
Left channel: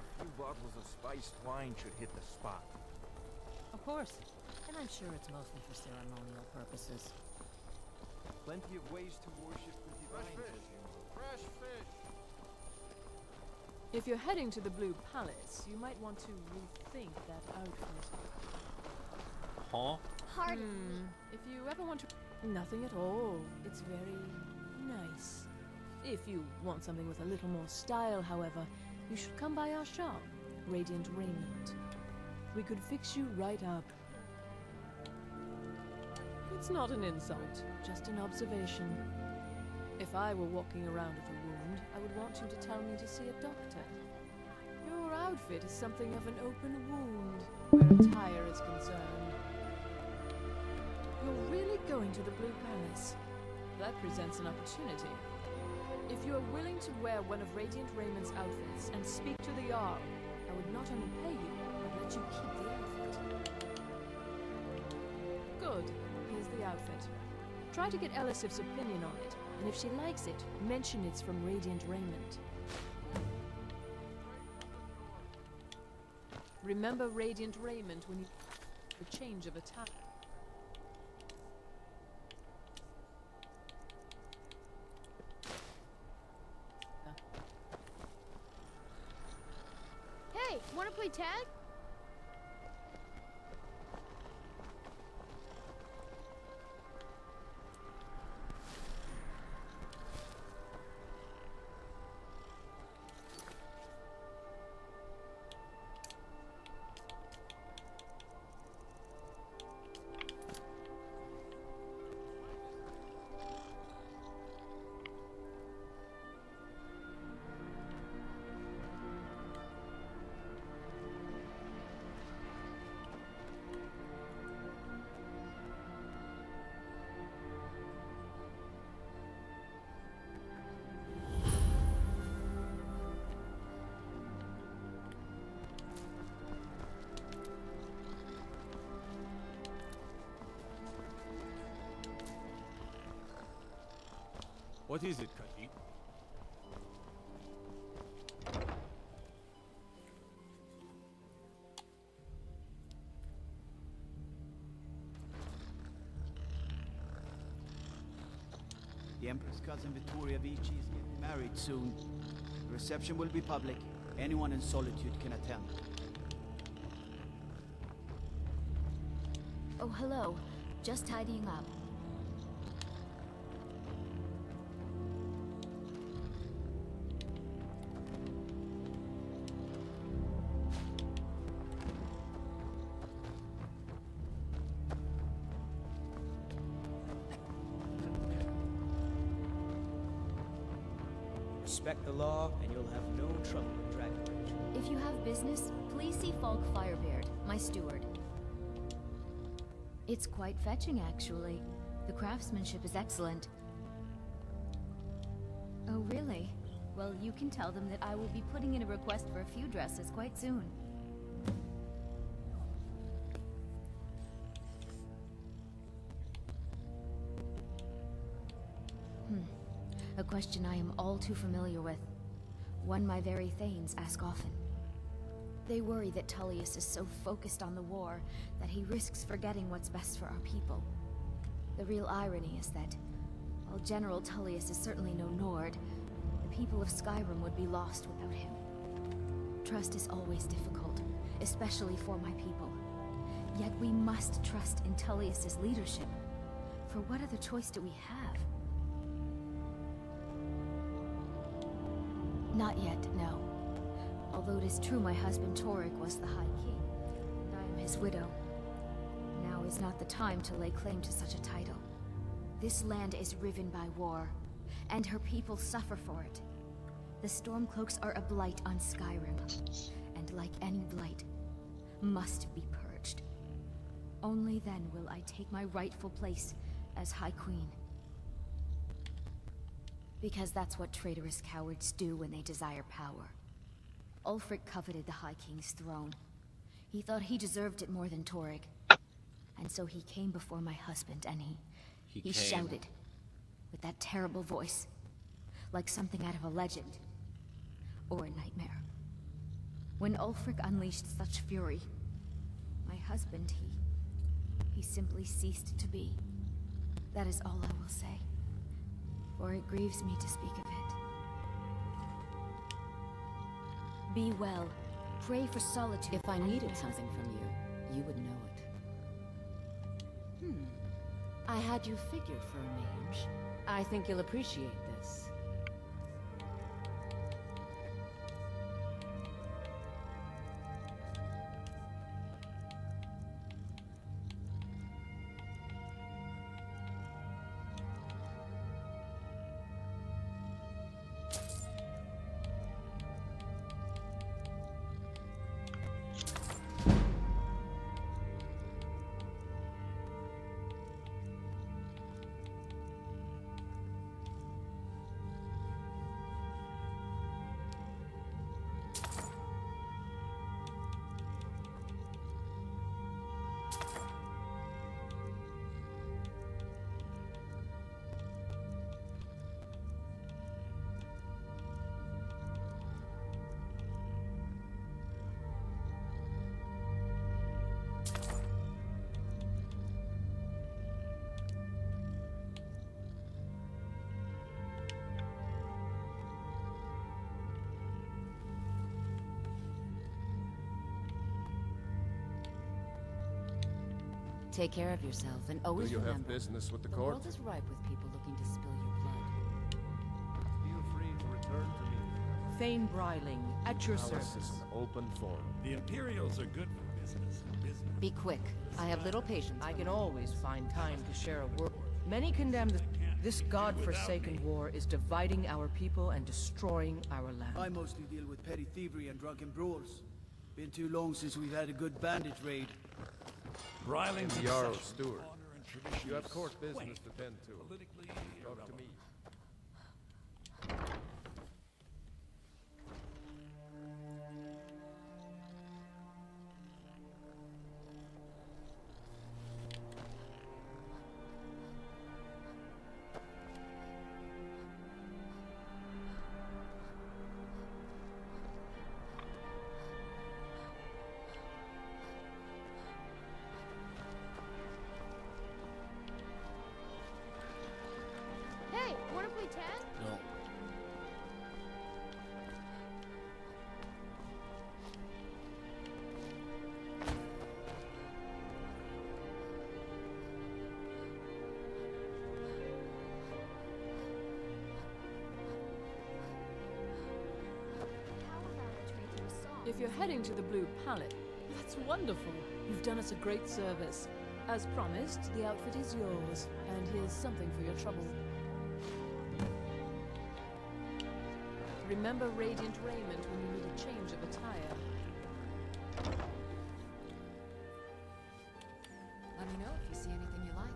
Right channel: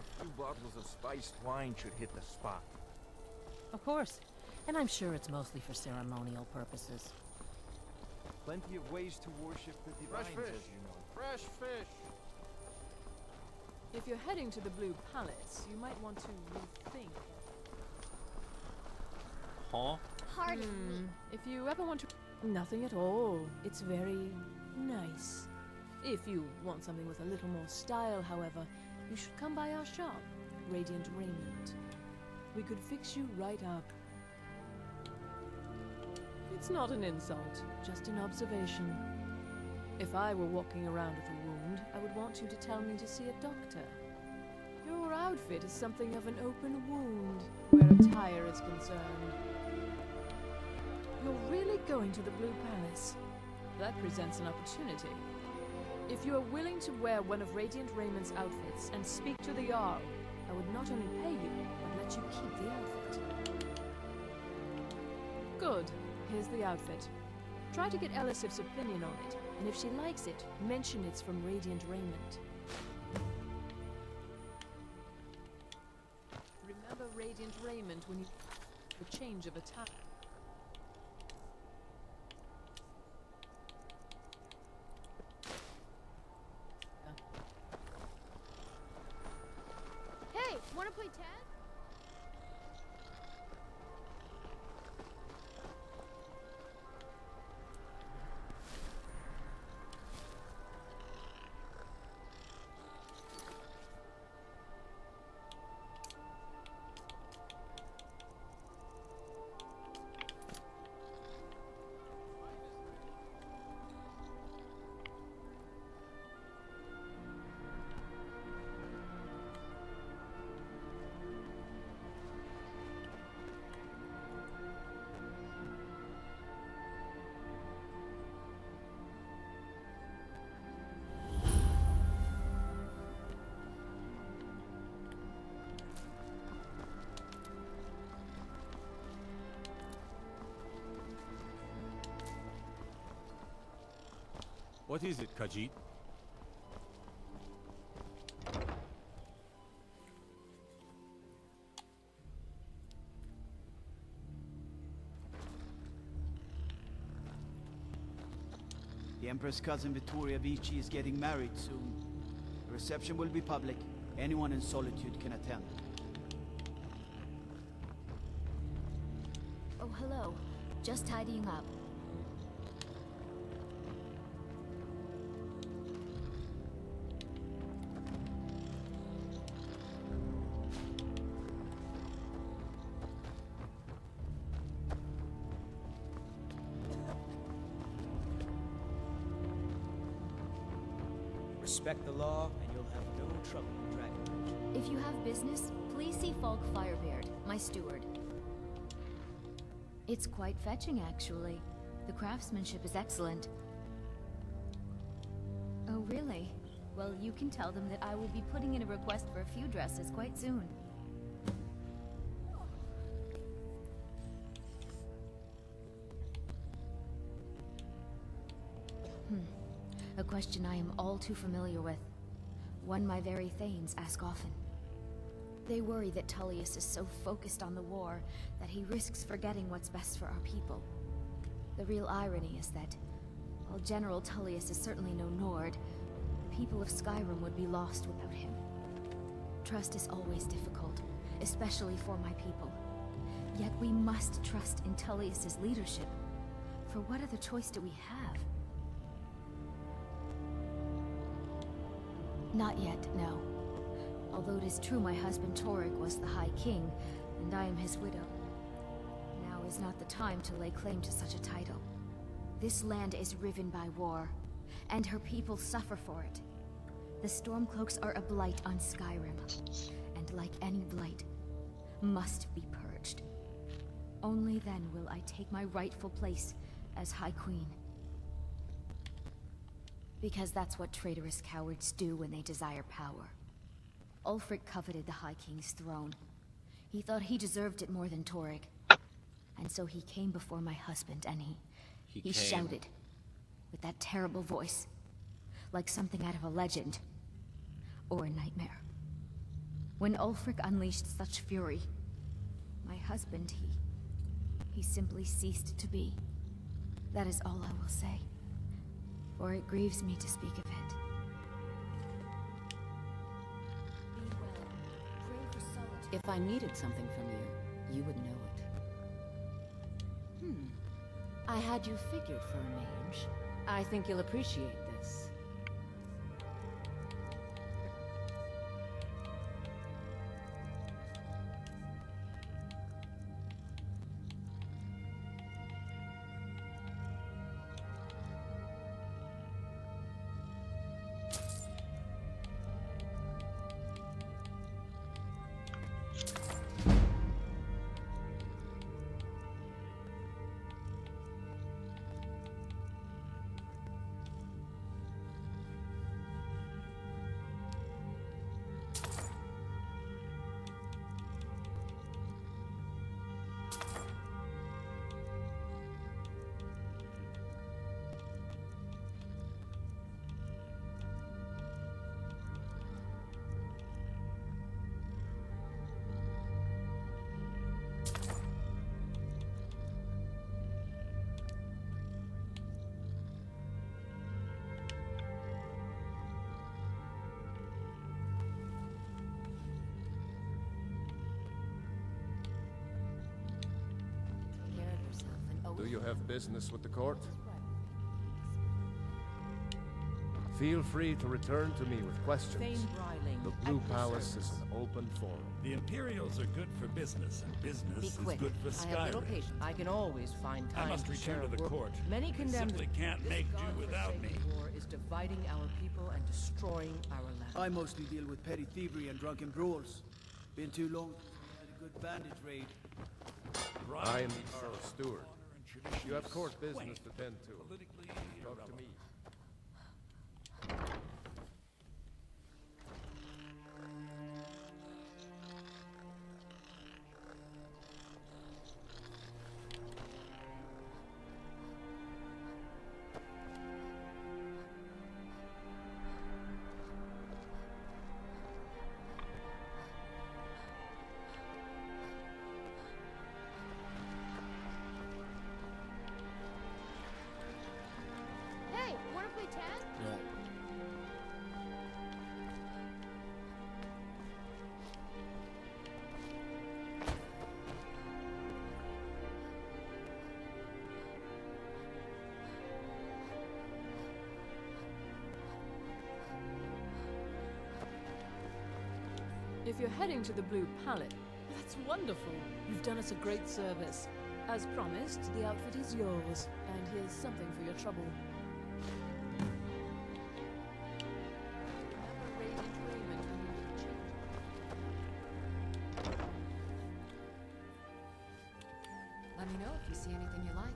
A few bottles of spiced wine should hit the spot. Of course. And I'm sure it's mostly for ceremonial purposes. Plenty of ways to worship the divines, Fresh fish. as you know. Fresh fish. If you're heading to the Blue Palace, you might want to rethink that outfit. Huh? Pardon me. If you ever want to... Nothing at all. It's very nice. If you want something with a little more style, however, you should come by our shop, Radiant Raiment. We could fix you right up. It's not an insult, just an observation. If I were walking around with a wound, I would want you to tell me to see a doctor. Your outfit is something of an open wound, where attire is concerned. You're really going to the Blue Palace. That presents an opportunity. If you are willing to wear one of Radiant Raymond's outfits and speak to the Jarl, I would not only pay you, but let you keep the outfit. Good. Here's the outfit. Try to get Elisif's opinion on it, and if she likes it, mention it's from Radiant Raymond. Remember Radiant Raymond when you... the change of attack. Hey, wanna play tag? What is it, Khajiit? The Empress' cousin Vittoria Vici is getting married soon. The reception will be public. Anyone in Solitude can attend. Oh, hello. Just tidying up. Respect the law, and you'll have no trouble with Dragonbridge. If you have business, please see Falk Firebeard, my steward. It's quite fetching, actually. The craftsmanship is excellent. Oh, really? Well, you can tell them that I will be putting in a request for a few dresses quite soon. A question I am all too familiar with. One my very thanes ask often. They worry that Tullius is so focused on the war that he risks forgetting what's best for our people. The real irony is that, while General Tullius is certainly no Nord, the people of Skyrim would be lost without him. Trust is always difficult, especially for my people. Yet we must trust in Tullius's leadership. For what other choice do we have? Not yet, no. Although it is true my husband Torygg was the High King, and I am his widow. Now is not the time to lay claim to such a title. This land is riven by war, and her people suffer for it. The Stormcloaks are a blight on Skyrim, and like any blight, must be purged. Only then will I take my rightful place as High Queen. Because that's what traitorous cowards do when they desire power. Ulfric coveted the High King's throne. He thought he deserved it more than Torygg. And so he came before my husband, and he shouted, with that terrible voice, like something out of a legend, or a nightmare. When Ulfric unleashed such fury, my husband, he simply ceased to be. That is all I will say, for it grieves me to speak of it. Be well. Pray for solitude. If I needed something from you, you would know it. I had you figured for a mage. I think you'll appreciate this. Take care of yourself, and always Do you have remember, business with the the court? world is ripe with people looking to spill your blood. Feel free to return to me with questions. Thane Bryling, The at Blue your Palace service. is an open forum. The Imperials are good for business, and business Be is quick. good for I have little Skyrim. patience. I can always find I time must to return share a to the word. court. Many condemn Simply can't this make do god-forsaken without me. war is dividing our people and destroying our land. I mostly deal with petty thievery and drunken brawls. Been too long since we've had a good bandit raid. I am the Jarl's succession, steward. honor and tradition You have is court business quaint, to tend to. politically Talk to irrelevant. me. Hey, wanna play tag? No. If you're heading to the Blue Palette, that's wonderful. You've done us a great service. As promised, the outfit is yours, and here's something for your trouble. Remember Radiant Raiment when you need a change of attire. Let me know if you see anything you like.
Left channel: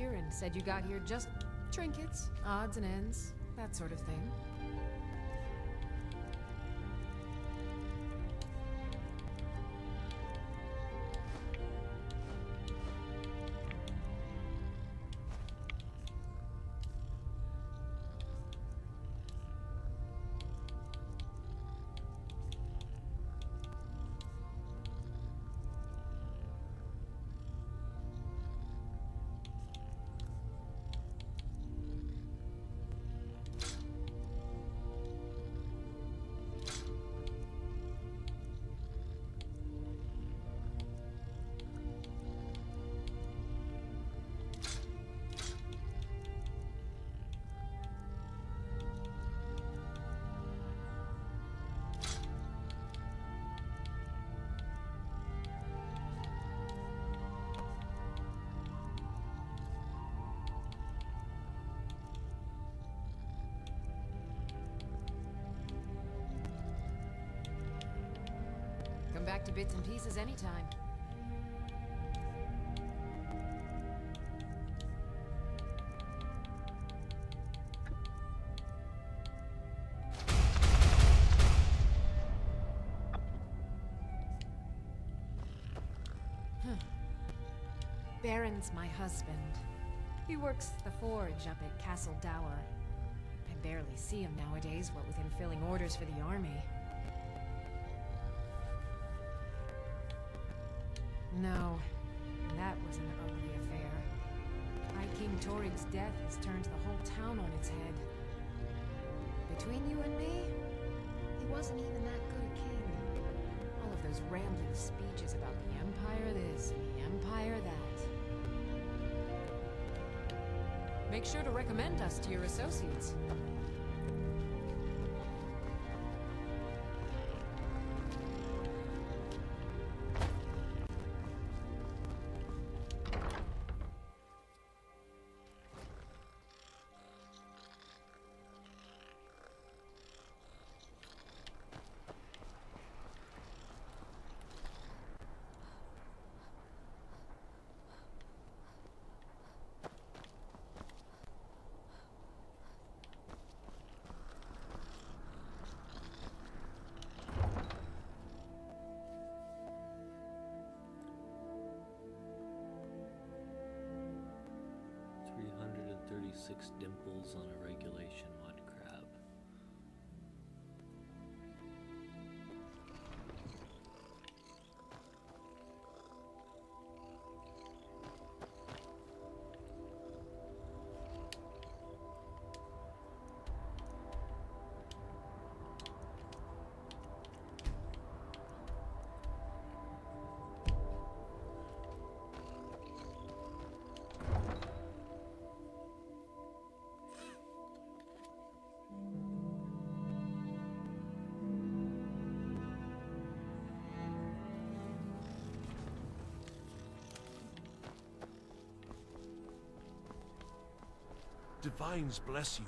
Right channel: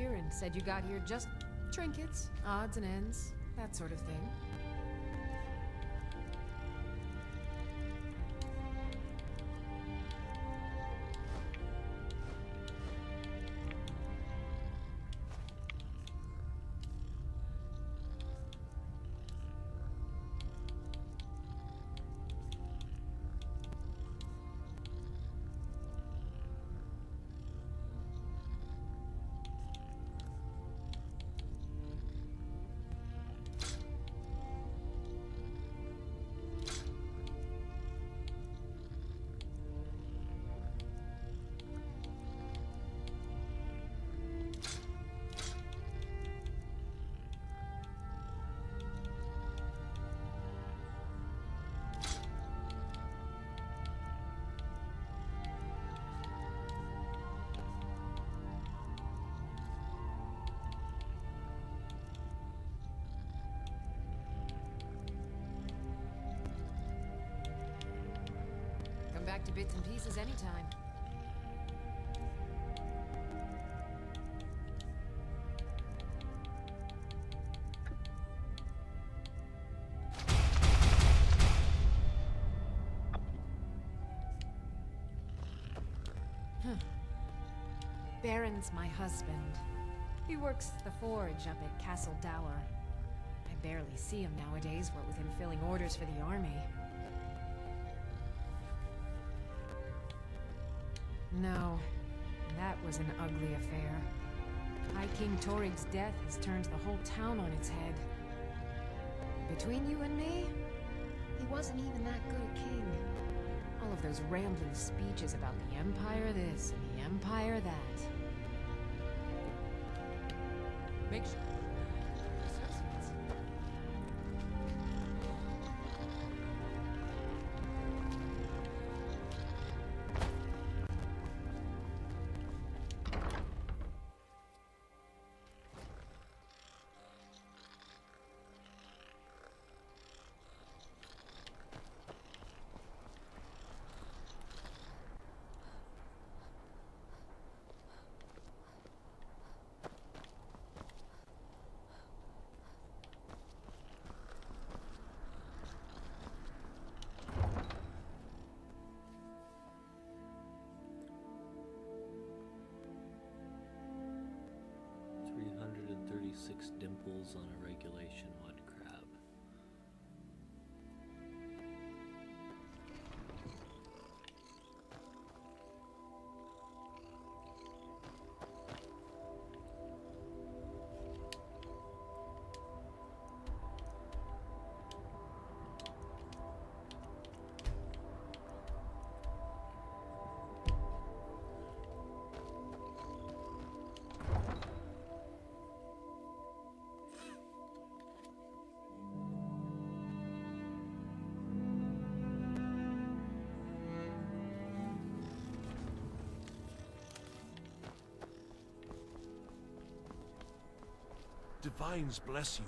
Aaron said you got here just trinkets, odds and ends, that sort of thing. Come back to bits and pieces anytime. Baron's my husband. He works the forge up at Castle Dower. I barely see him nowadays, what with him filling orders for the army. No, that was an ugly affair. High King Torig's death has turned the whole town on its head. Between you and me, he wasn't even that good a king. All of those rambling speeches about the Empire this and the Empire that. Make sure to recommend us to your associates. Six dimples on a regulation mud crab. Divines bless you.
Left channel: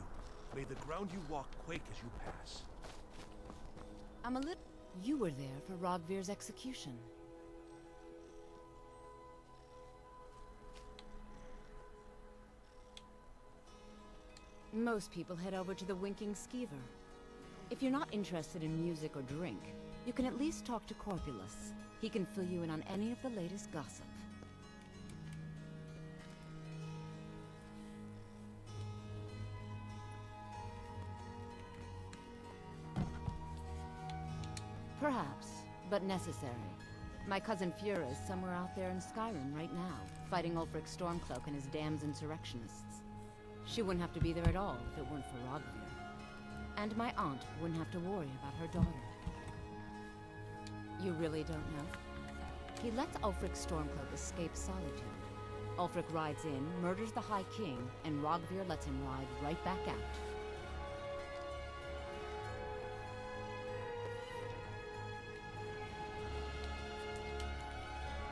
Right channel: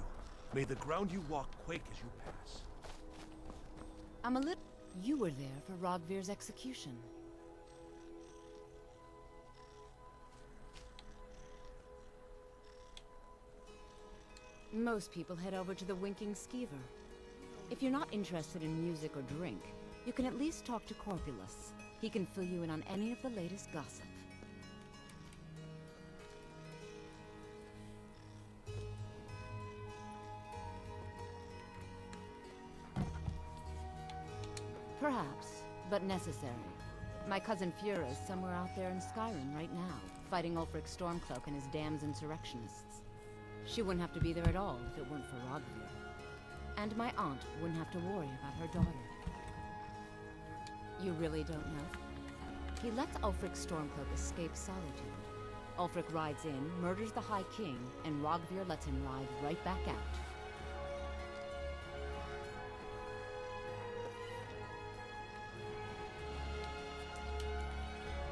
May the ground you walk quake as you pass. I'm a little... You were there for Rogvir's execution. Most people head over to the Winking Skeever. If you're not interested in music or drink, you can at least talk to Corpulus. He can fill you in on any of the latest gossip. Perhaps, but necessary. My cousin Fura is somewhere out there in Skyrim right now, fighting Ulfric Stormcloak and his damned insurrectionists. She wouldn't have to be there at all if it weren't for Rogvir. And my aunt wouldn't have to worry about her daughter. You really don't know? He lets Ulfric Stormcloak escape solitude. Ulfric rides in, murders the High King, and Rogvir lets him ride right back out.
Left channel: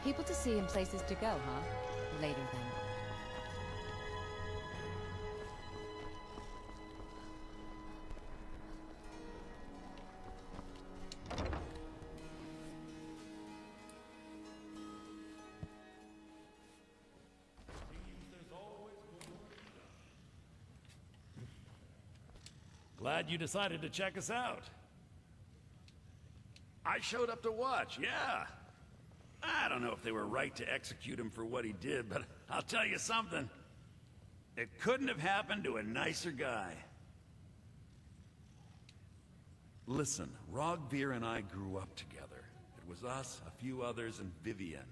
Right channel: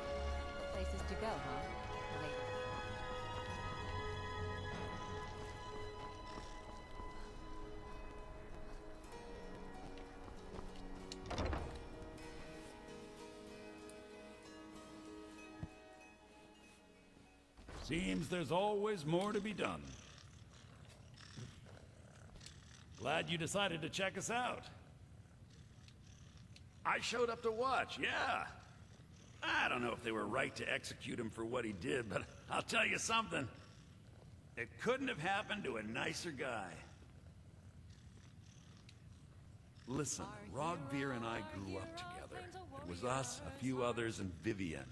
People to see and places to go, huh? Later then. Seems there's always more to be done. Glad you decided to check us out. I showed up to watch, yeah. I don't know if they were right to execute him for what he did, but I'll tell you something. It couldn't have happened to a nicer guy. Listen, Rogvir and I grew up together. It was us, a few others, and Vivienne.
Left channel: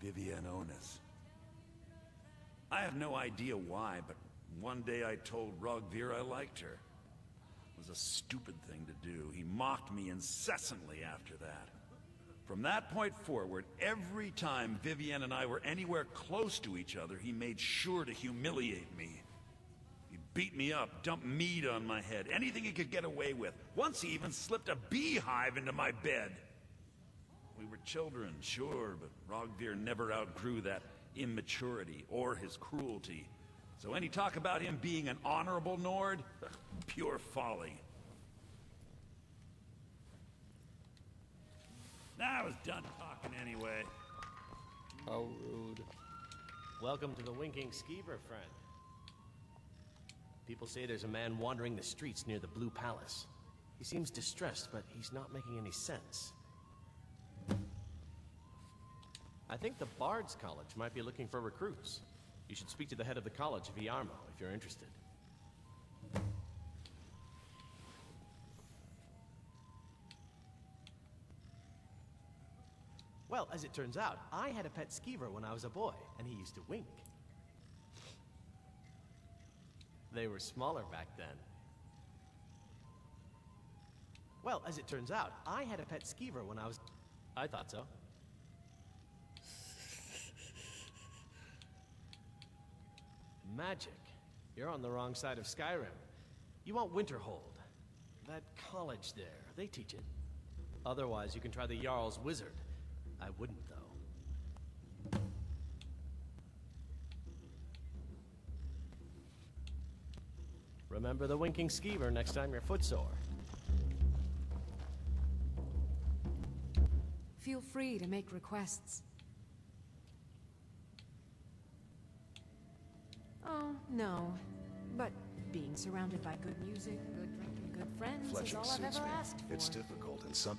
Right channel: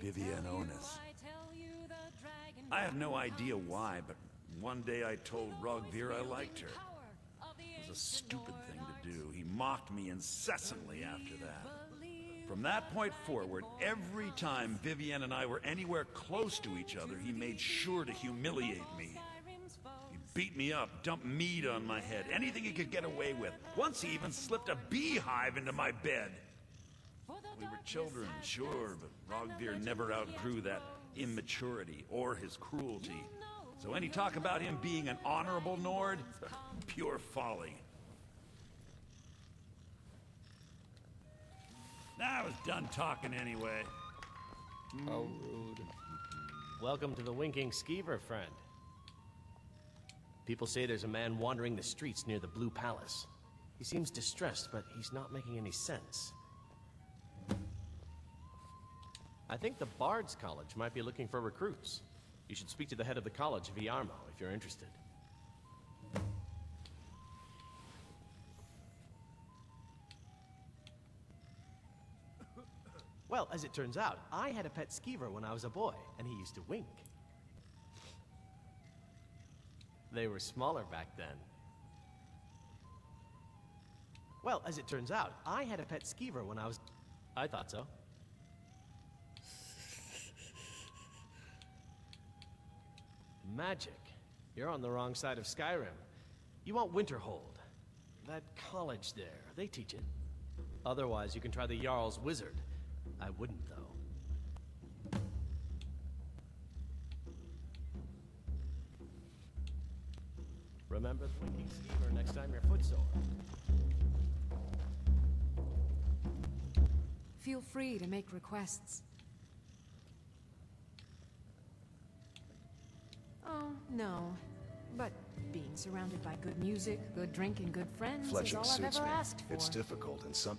Vivienne Onus. I have no idea why, but one day I told Rogvir I liked her. It was a stupid thing to do. He mocked me incessantly after that. From that point forward, every time Vivienne and I were anywhere close to each other, he made sure to humiliate me. He beat me up, dumped meat on my head, anything he could get away with. Once he even slipped a beehive into my bed. We were children, sure, but Rogvir never outgrew that immaturity or his cruelty. So any talk about him being an honorable Nord? Pure folly. I was done talking anyway. How rude. Welcome to the Winking Skeever, friend. People say there's a man wandering the streets near the Blue Palace. He seems distressed, but he's not making any sense. I think the Bard's College might be looking for recruits. You should speak to the head of the college, Viarmo, if you're interested. Well, as it turns out, I had a pet skeever when I was a boy, and he used to wink. They were smaller back then. Well, as it turns out, I had a pet skeever when I was... I thought so. Magic. You're on the wrong side of Skyrim. You want Winterhold. That college there, they teach it. Otherwise, you can try the Jarl's Wizard. I wouldn't, though. Remember the Winking Skeever next time you're footsore. Feel free to make requests. Oh, no. But being surrounded by good music, good drink, and good friends is Fletching all I've suits ever me. asked for. It's difficult and some...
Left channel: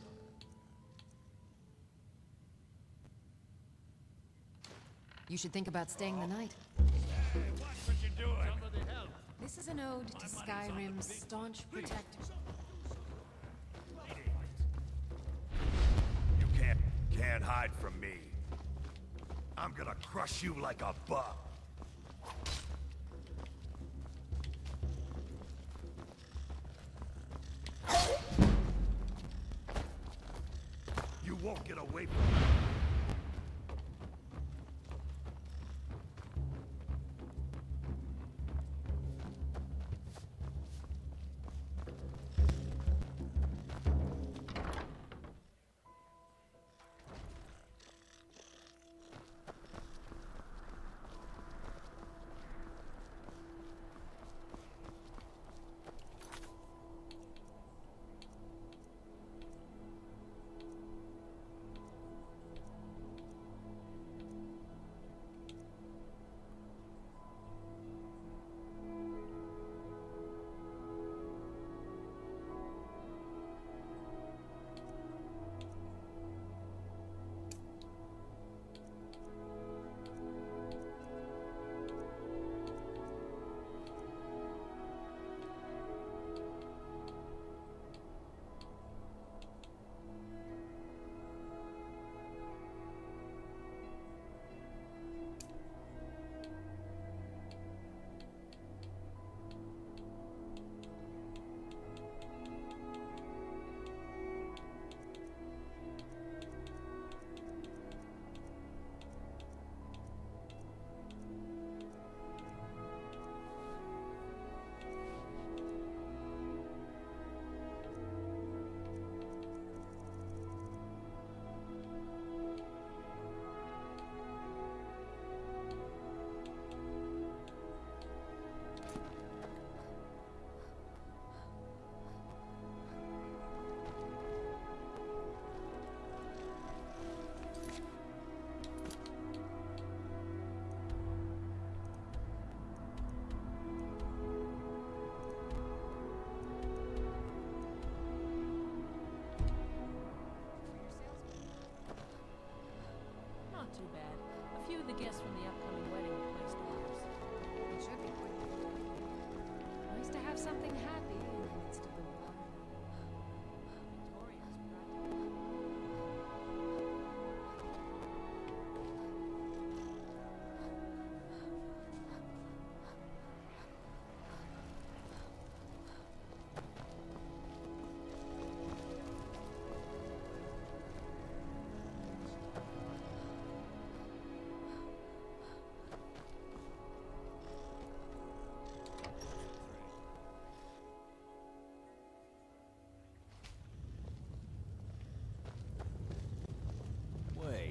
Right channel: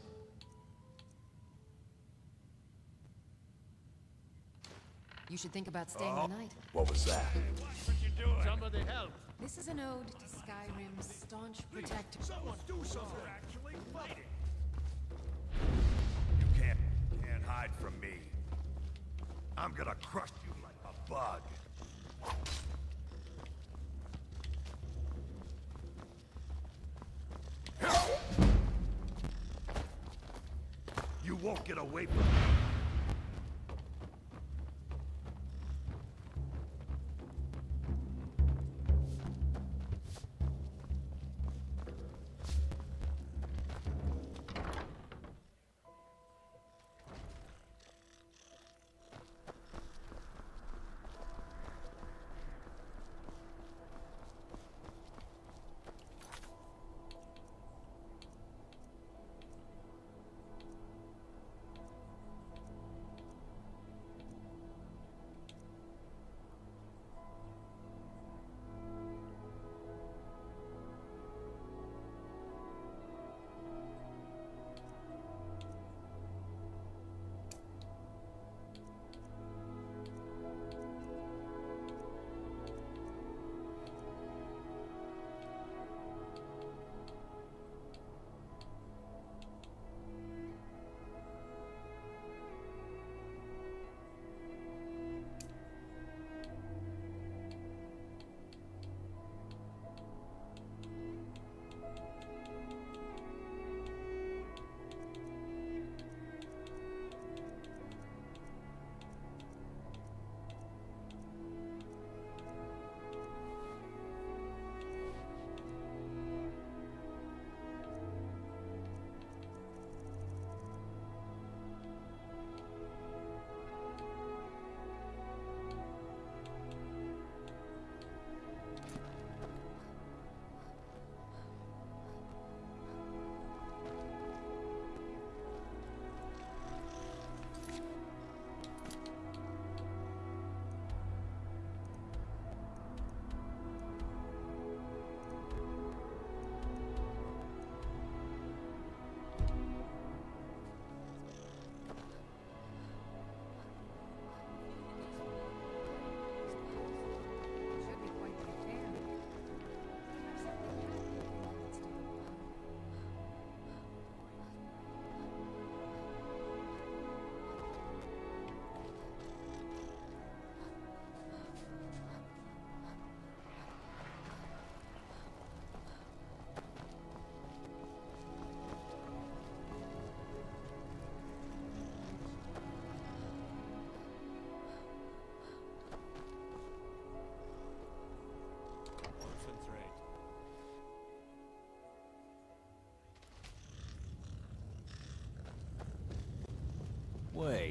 You should think about staying the night. What was that? Hey, watch what you're doing. Somebody help. This is an ode to Skyrim's staunch protector. Someone do something. Actually fighting. You can't hide from me. I'm gonna crush you like a bug. You won't get away from me.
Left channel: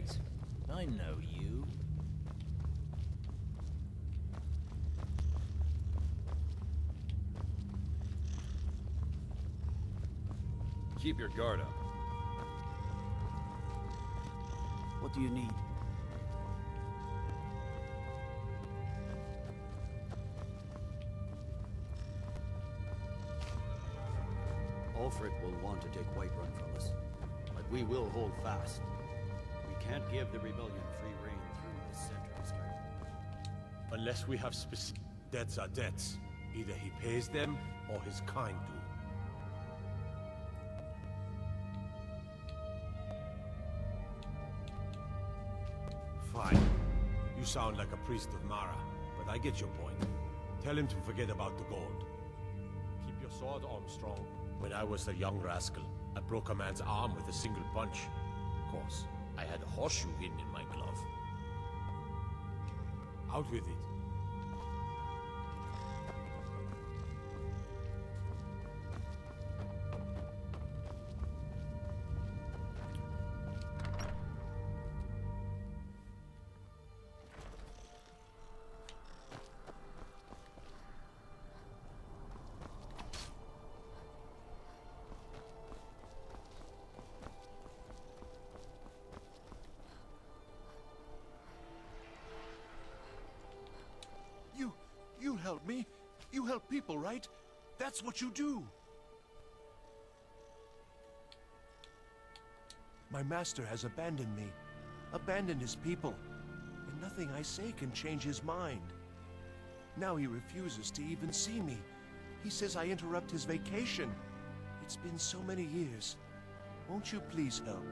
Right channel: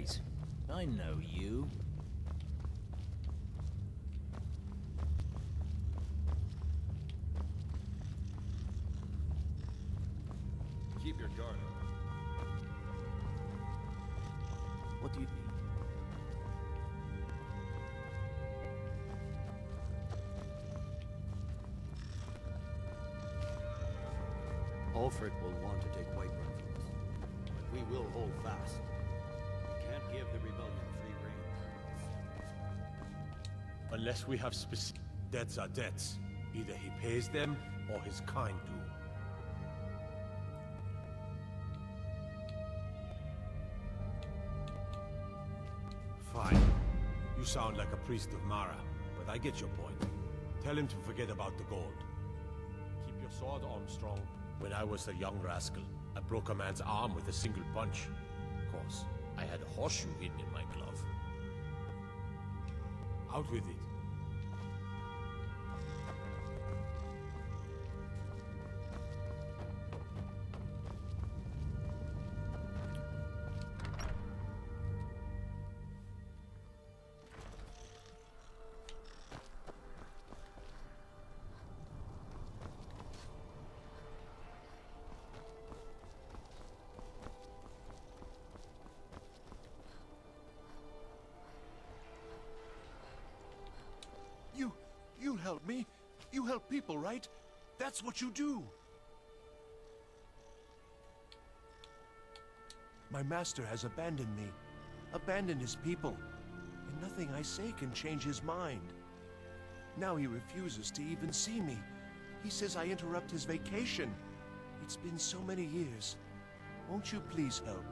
Wait, I know you. Keep your guard up. What do you need? Ulfric will want to take Whiterun from us, but we will hold fast. We can't give the rebellion free rein through the center of Skyrim. Unless we have specific... Debts are debts. Either he pays them, or his kind do. Fine. You sound like a priest of Mara, but I get your point. Tell him to forget about the gold. Keep your sword arm strong. When I was a young rascal, I broke a man's arm with a single punch. Of course, I had a horseshoe hidden in my glove. Out with it. You help me. You help people, right? That's what you do. My master has abandoned me, abandoned his people, and nothing I say can change his mind. Now he refuses to even see me. He says I interrupt his vacation. It's been so many years. Won't you please help?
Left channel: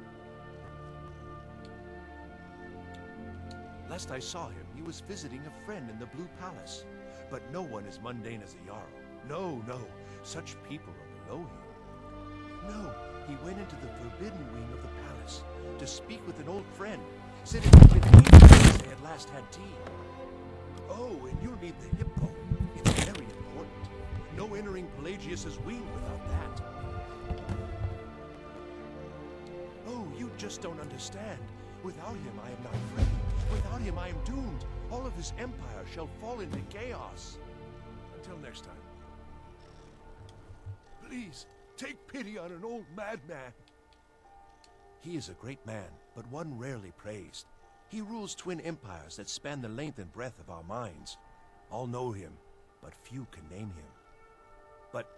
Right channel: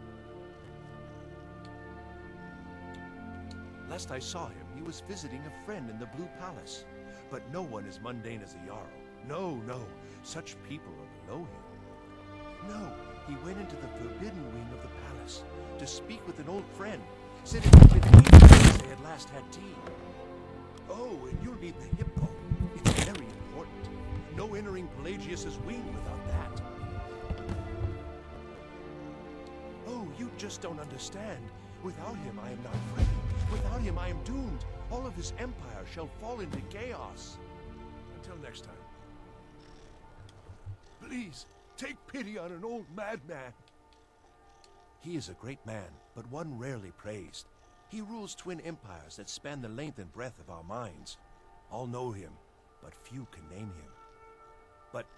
Last I saw him, he was visiting a friend in the Blue Palace. But no one as mundane as a Jarl. No, no. Such people are below him. No, he went into the forbidden wing of the palace to speak with an old friend. Said it had been ages since they had last had tea. Oh, and you'll need the hipbone. It's very important. No entering Pelagius's wing without that. Oh, you just don't understand. Without him, I am not free. Without him, I am doomed. All of his empire shall fall into chaos. Until next time. Please, take pity on an old madman. He is a great man, but one rarely praised. He rules twin empires that span the length and breadth of our minds. All know him, but few can name him. But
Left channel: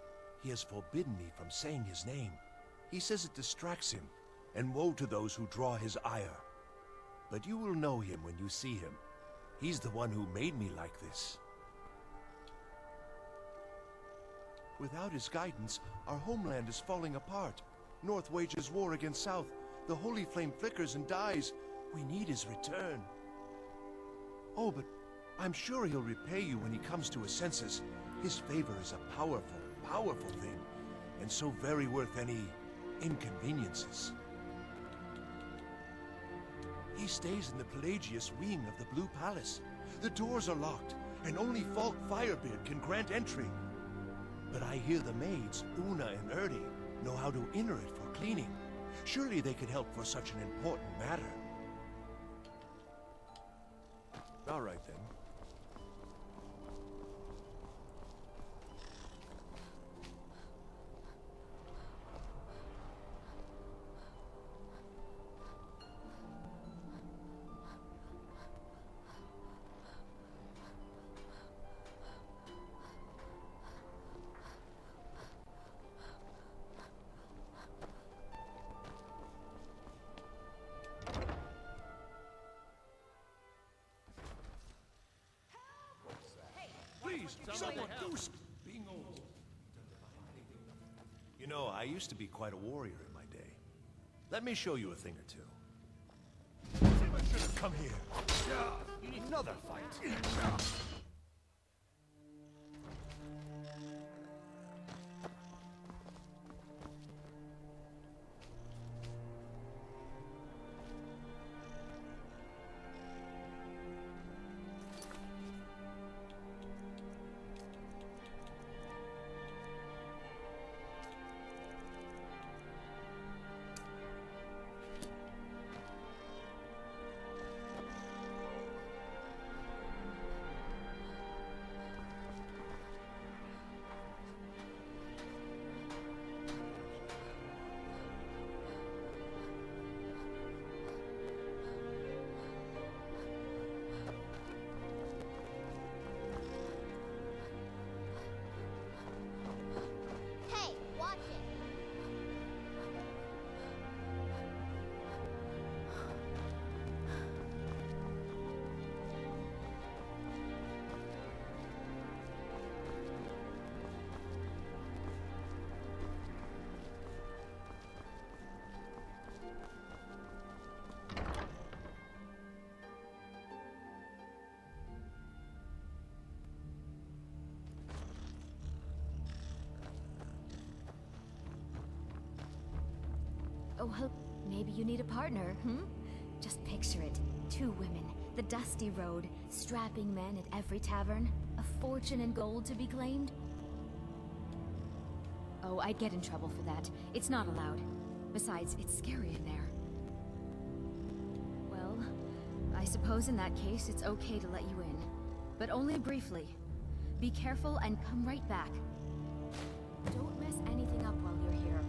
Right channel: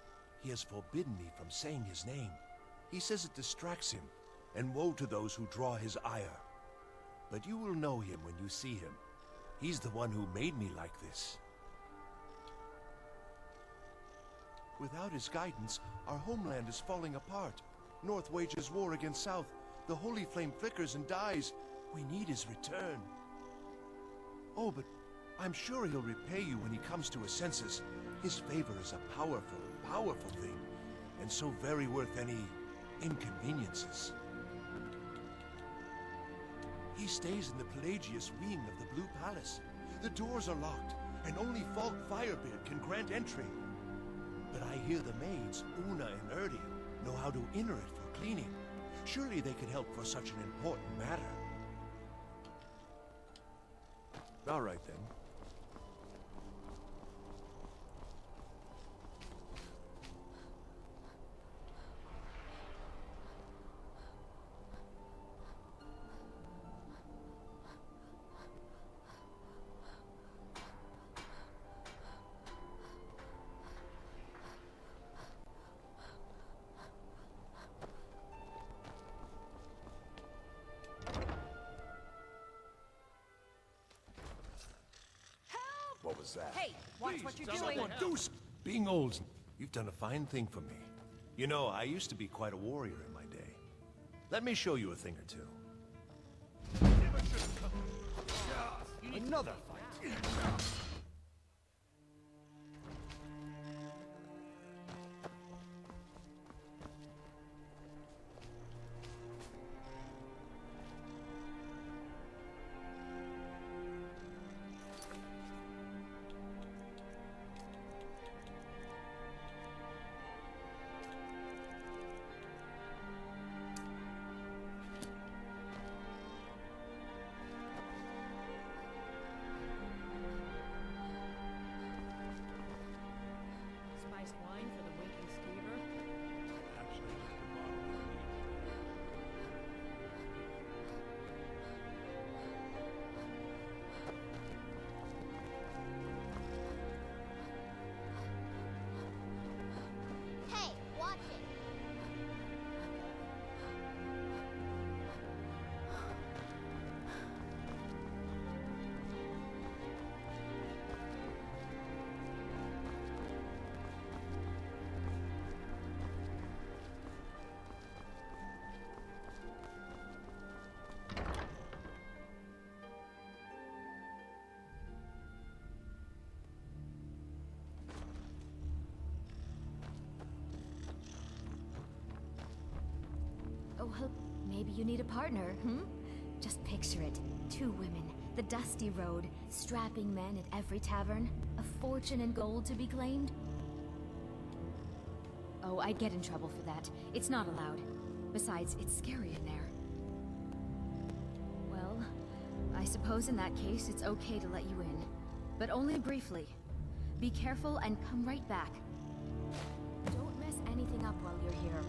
he has forbidden me from saying his name. He says it distracts him, and woe to those who draw his ire. But you will know him when you see him. He's the one who made me like this. Without his guidance, our homeland is falling apart. North wages war against South. The holy flame flickers and dies. We need his return. Oh, but I'm sure he'll repay you when he comes to his senses. His favor is a powerful, powerful thing, and so very worth any inconveniences. He stays in the Pelagius wing of the Blue Palace. The doors are locked, and only Falk Firebeard can grant entry. But I hear the maids, Una and Erdi, know how to enter it for cleaning. Surely they could help for such an important matter. All right, then. What was that? Hey, watch Please, what you're someone doing. do Being old, you've done a fine thing for me. You know, I used to be quite a warrior in my day. Let me show you a thing or two. Never should have come here. Another fight. Maybe you need a partner, Just picture it. 2 women, the dusty road, strapping men at every tavern, a fortune in gold to be claimed. Oh, I'd get in trouble for that. It's not allowed. Besides, it's scary in there. Well, I suppose in that case it's okay to let you in. But only briefly. Be careful and come right back. Don't mess anything up while you're here.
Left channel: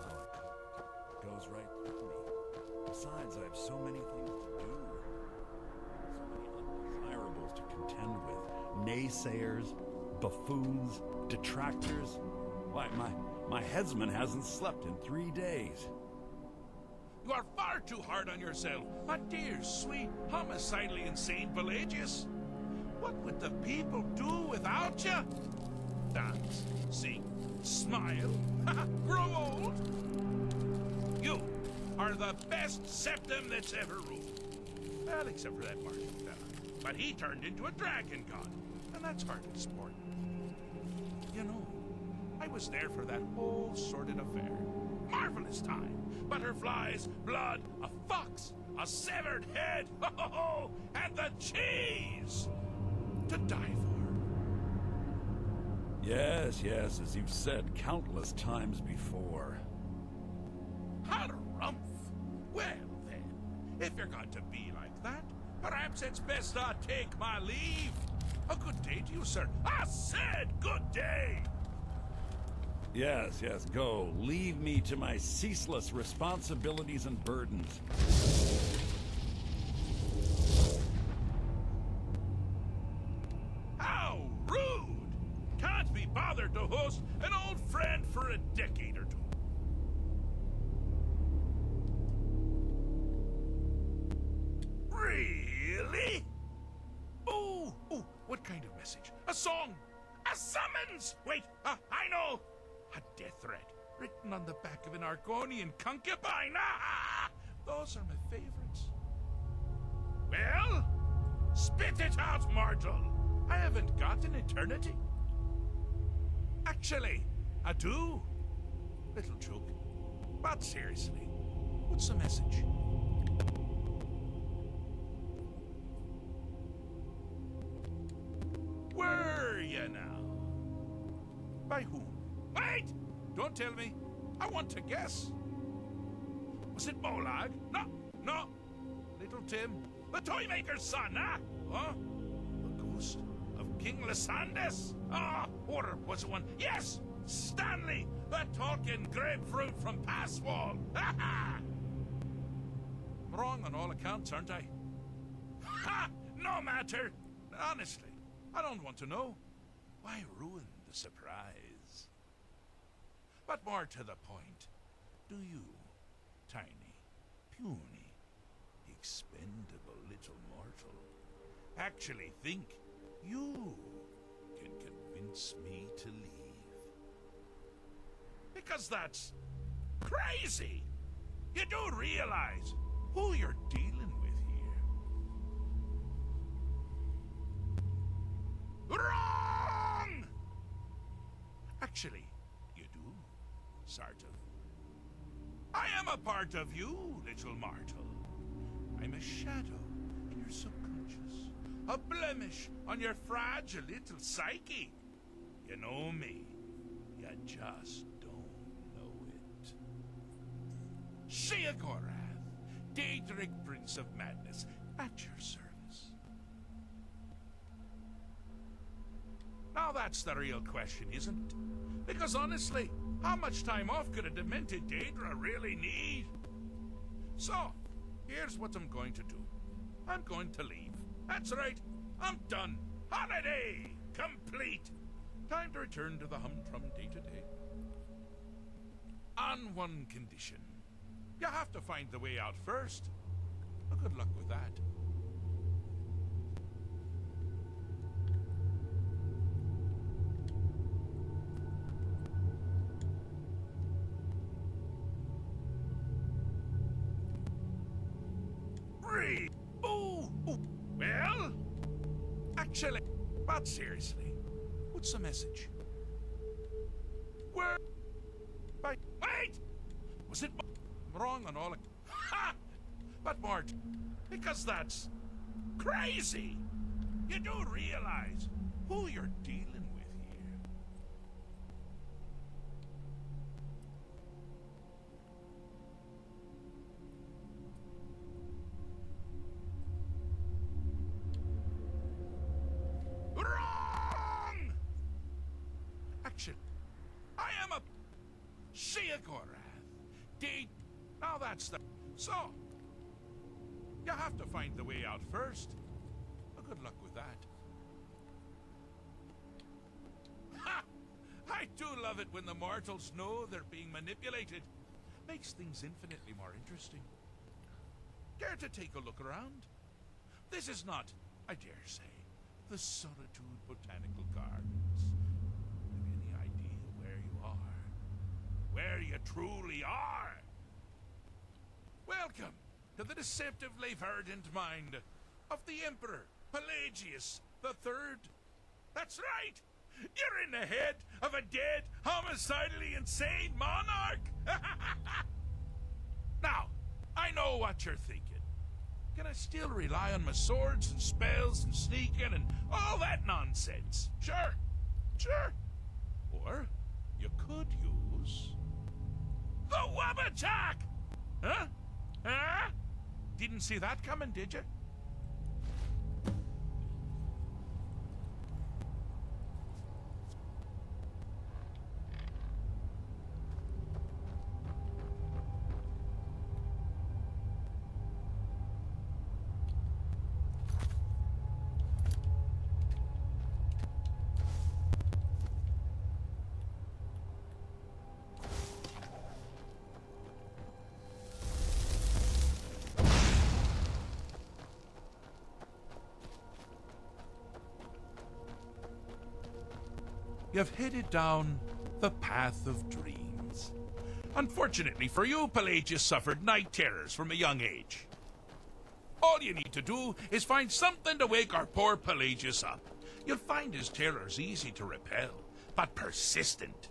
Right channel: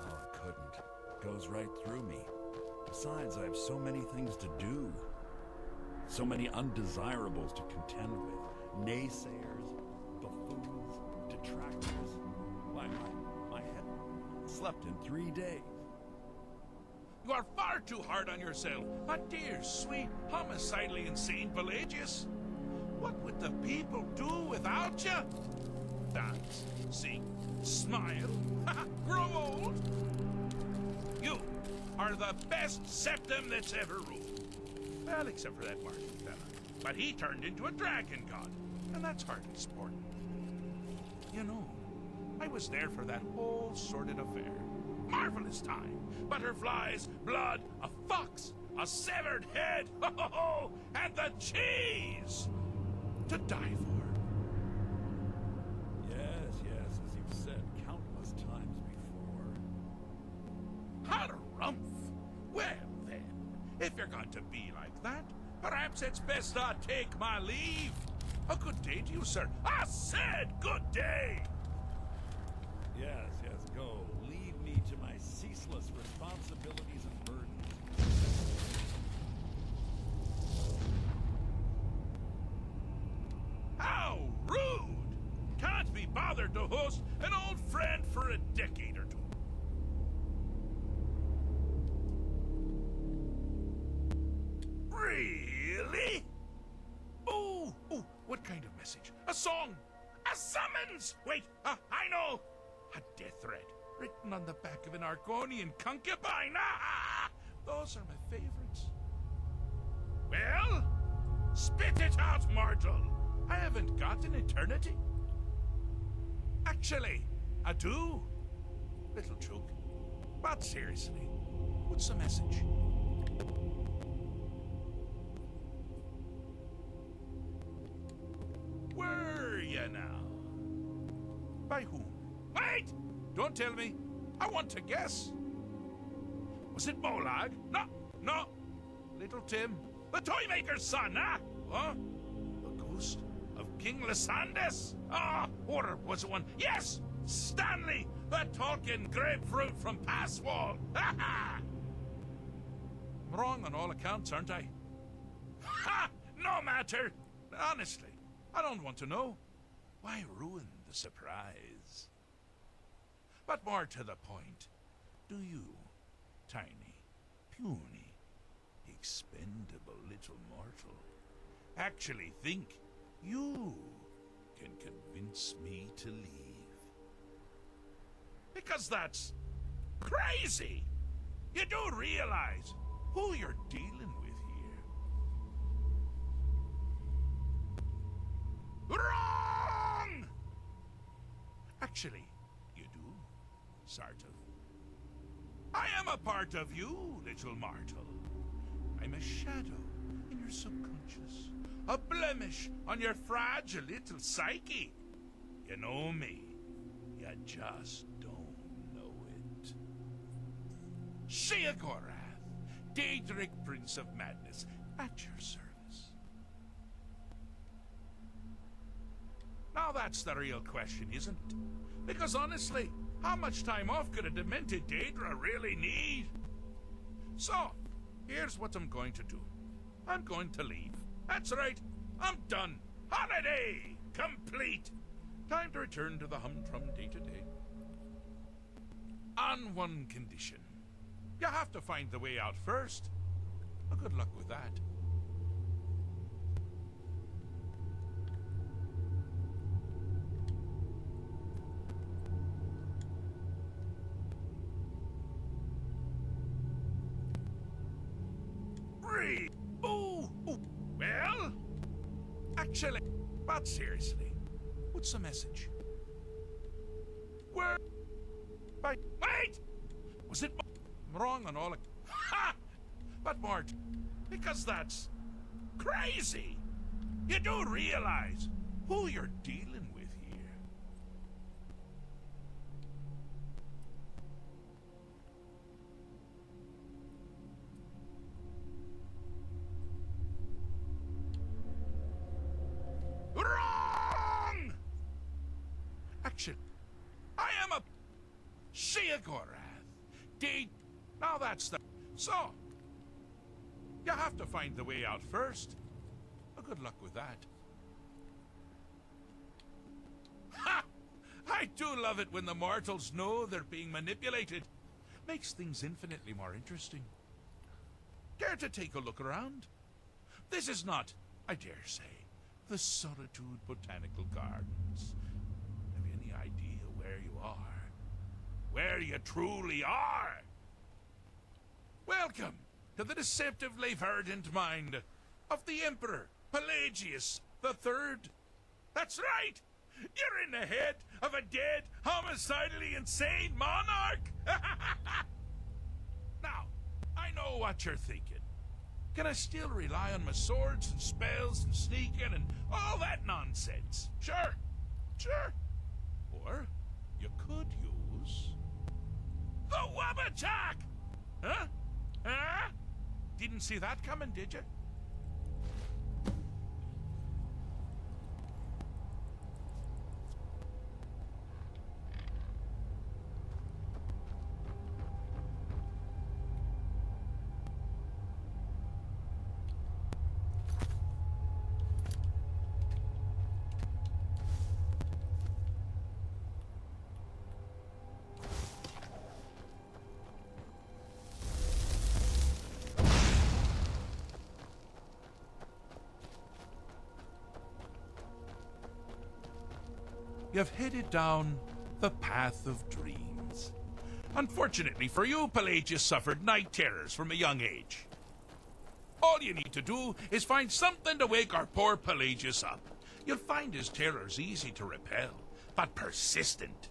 Oh, I couldn't. It goes right through me. Besides, I have so many things to do. So many undesirables to contend with. Naysayers, buffoons, detractors. Why, my headsman hasn't slept in 3 days. You are far too hard on yourself, my dear, sweet, homicidally insane Pelagius. What would the people do without you? Dance, sing, smile, grow old. You are the best septum that's ever ruled. Well, except for that Marcy fella. But he turned into a dragon god, and that's hardly sport. You know, I was there for that whole sordid affair. Marvelous time. Butterflies, blood, a fox, a severed head, and the cheese to die for. Yes, as you've said countless times before. Harumph! Well then, if you're going to be like that, perhaps it's best I take my leave. A good day to you, sir. I said good day! Yes, go. Leave me to my ceaseless responsibilities and burdens. How rude! Can't be bothered to host an old friend for a decade or two. Really? Oh, what kind of message? A song? A summons? Wait, I know! A death threat, written on the back of an Argonian concubine. Those are my favorites. Well, spit it out, mortal. I haven't got an eternity. Actually, I do. Little joke. But seriously, what's the message? By whom? Wait! Don't tell me. I want to guess. Was it Molag? No, no. Little Tim. The Toymaker's son, huh? Huh? The ghost of King Lysandes? Ah, or was it one? Yes! Stanley! The talking grapefruit from Passwall! Ha ha! I'm wrong on all accounts, aren't I? Ha! No matter! Honestly, I don't want to know. Why ruin the surprise? But more to the point, do you, tiny, puny, expendable little mortal, actually think you can convince me to leave? Because that's crazy! You do realize who you're dealing with here. Wrong! Actually, you do, sort of. I am a part of you, little mortal. I'm a shadow in your subconscious, a blemish on your fragile little psyche. You know me, you just don't know it. Sheogorath, Daedric Prince of Madness, at your service. Now that's the real question, isn't it? Because honestly, how much time off could a demented Daedra really need? So, here's what I'm going to do. I'm going to leave. That's right, I'm done. Holiday complete. Time to return to the humdrum day-to-day. On one condition. You have to find the way out first. Well, good luck with that. Oh, well, actually, but seriously, what's the message? Where? Wait! Was it wrong on all? Ha! But Mort, because that's crazy. You do realize who you're dealing with here. Wrong! Actually, I am a Sheogorath. Now that's the... So, you have to find the way out first. Well, good luck with that. Ha! I do love it when the mortals know they're being manipulated. Makes things infinitely more interesting. Care to take a look around? This is not, I dare say, the Solitude Botanical Gardens. Have you any idea where you are? Where you truly are? Welcome to the deceptively verdant mind of the Emperor Pelagius III. That's right! You're in the head of a dead, homicidally insane monarch! Now, I know what you're thinking. Can I still rely on my swords and spells and sneaking and all that nonsense? Sure, sure. Or you could use the Wabbatak! Huh? Huh? Didn't see that coming, did you? You've headed down the path of dreams. Unfortunately for you, Pelagius suffered night terrors from a young age. All you need to do is find something to wake our poor Pelagius up. You'll find his terrors easy to repel, but persistent.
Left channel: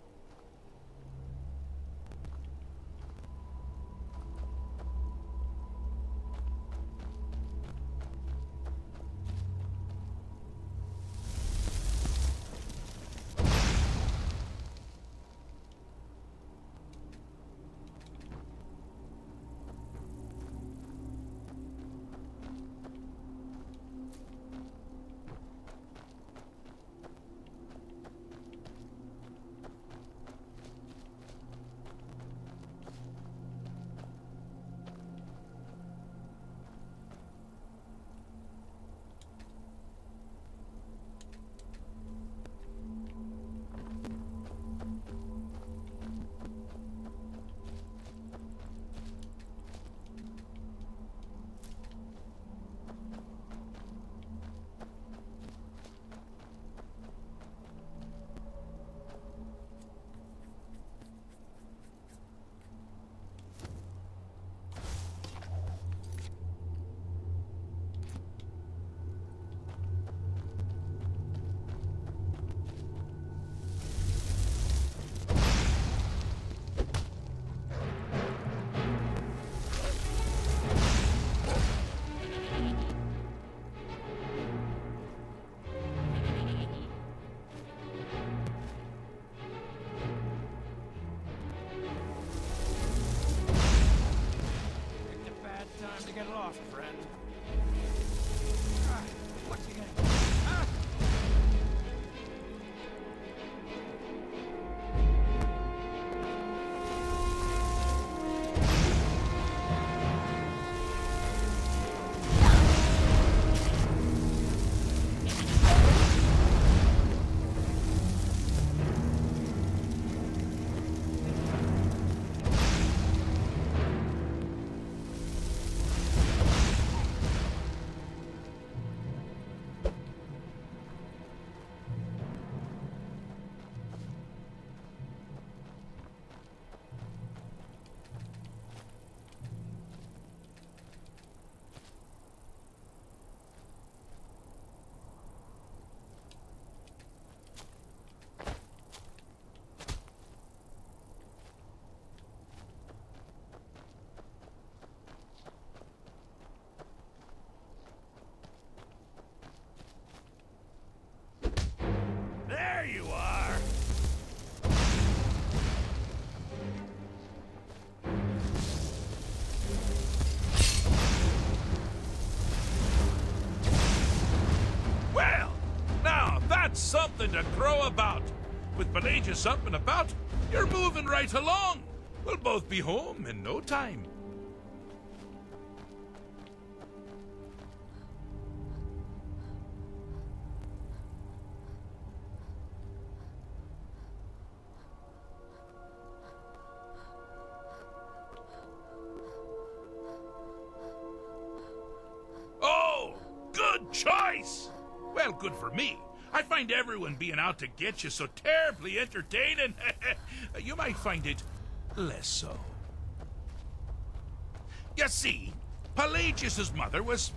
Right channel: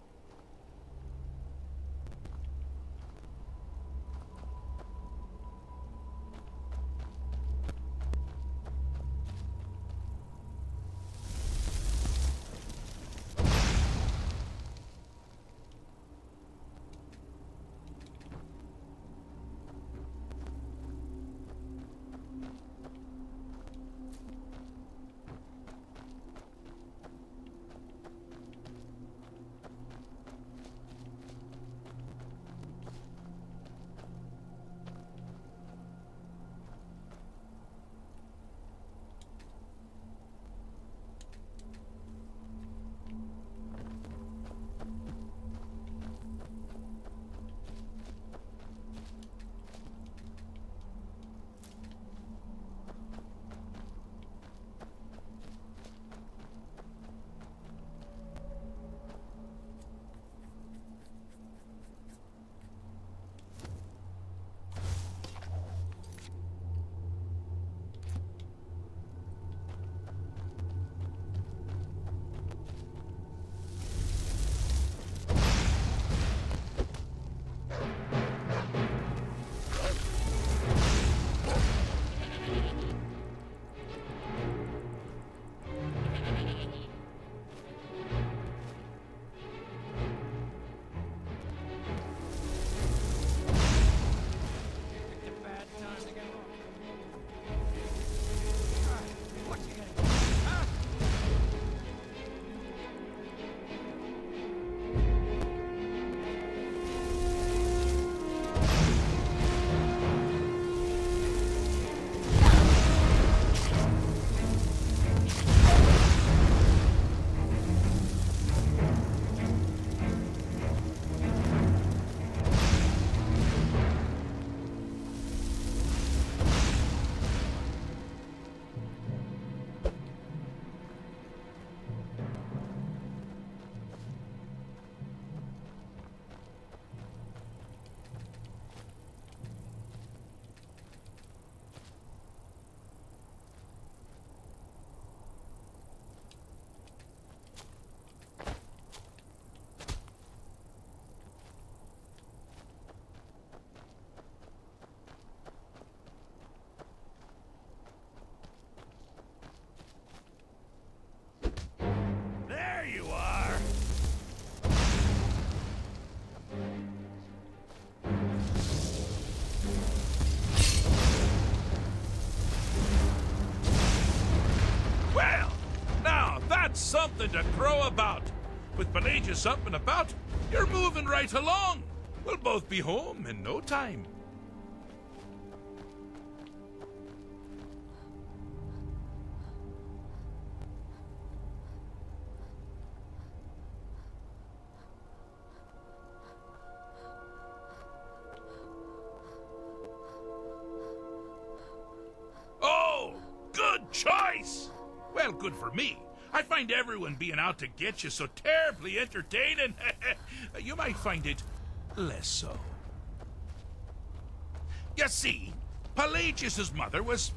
something to crow about. With Pelagius up and about, you're moving right along. We'll both be home in no time. Oh, good choice! Well, good for me. I find everyone being out to get you so terribly entertaining. You might find it less so. You see, Pelagius's mother was,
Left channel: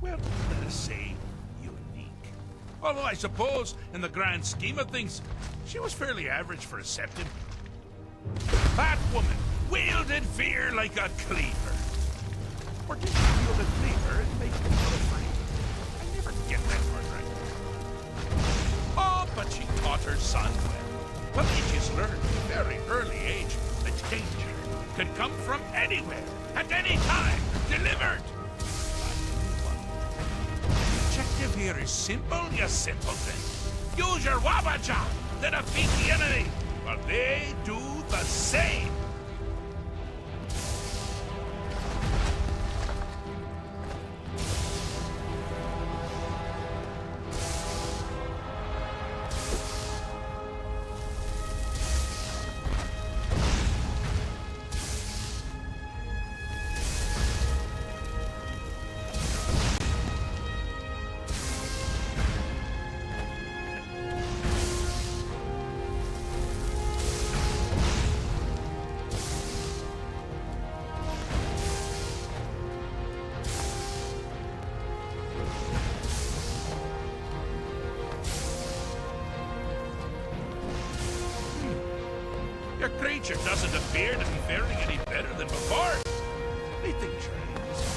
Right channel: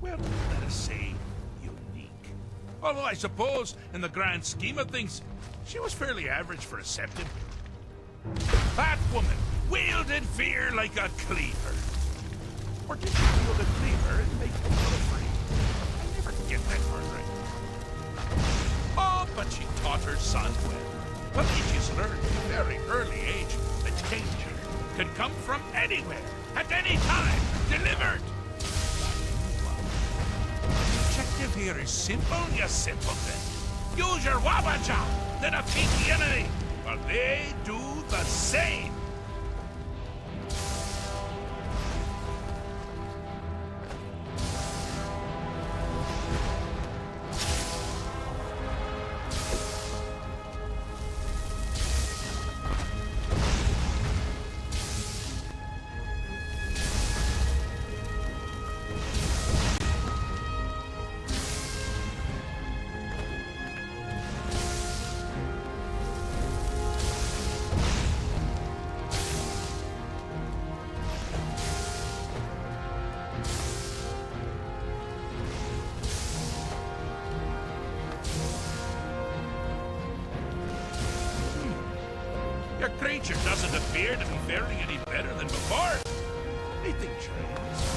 well, let us say, unique. Although I suppose, in the grand scheme of things, she was fairly average for a septon. That woman wielded fear like a cleaver. Or did she wield a cleaver and make people afraid? I never get that part right. Oh, but she taught her son well. Pelagius learned at a very early age that danger could come from anywhere, at any time, delivered. The objective here is simple, you simpleton. Use your wabaja to defeat the enemy, while they do the same. Your creature doesn't appear to be faring any better than before. Anything trains.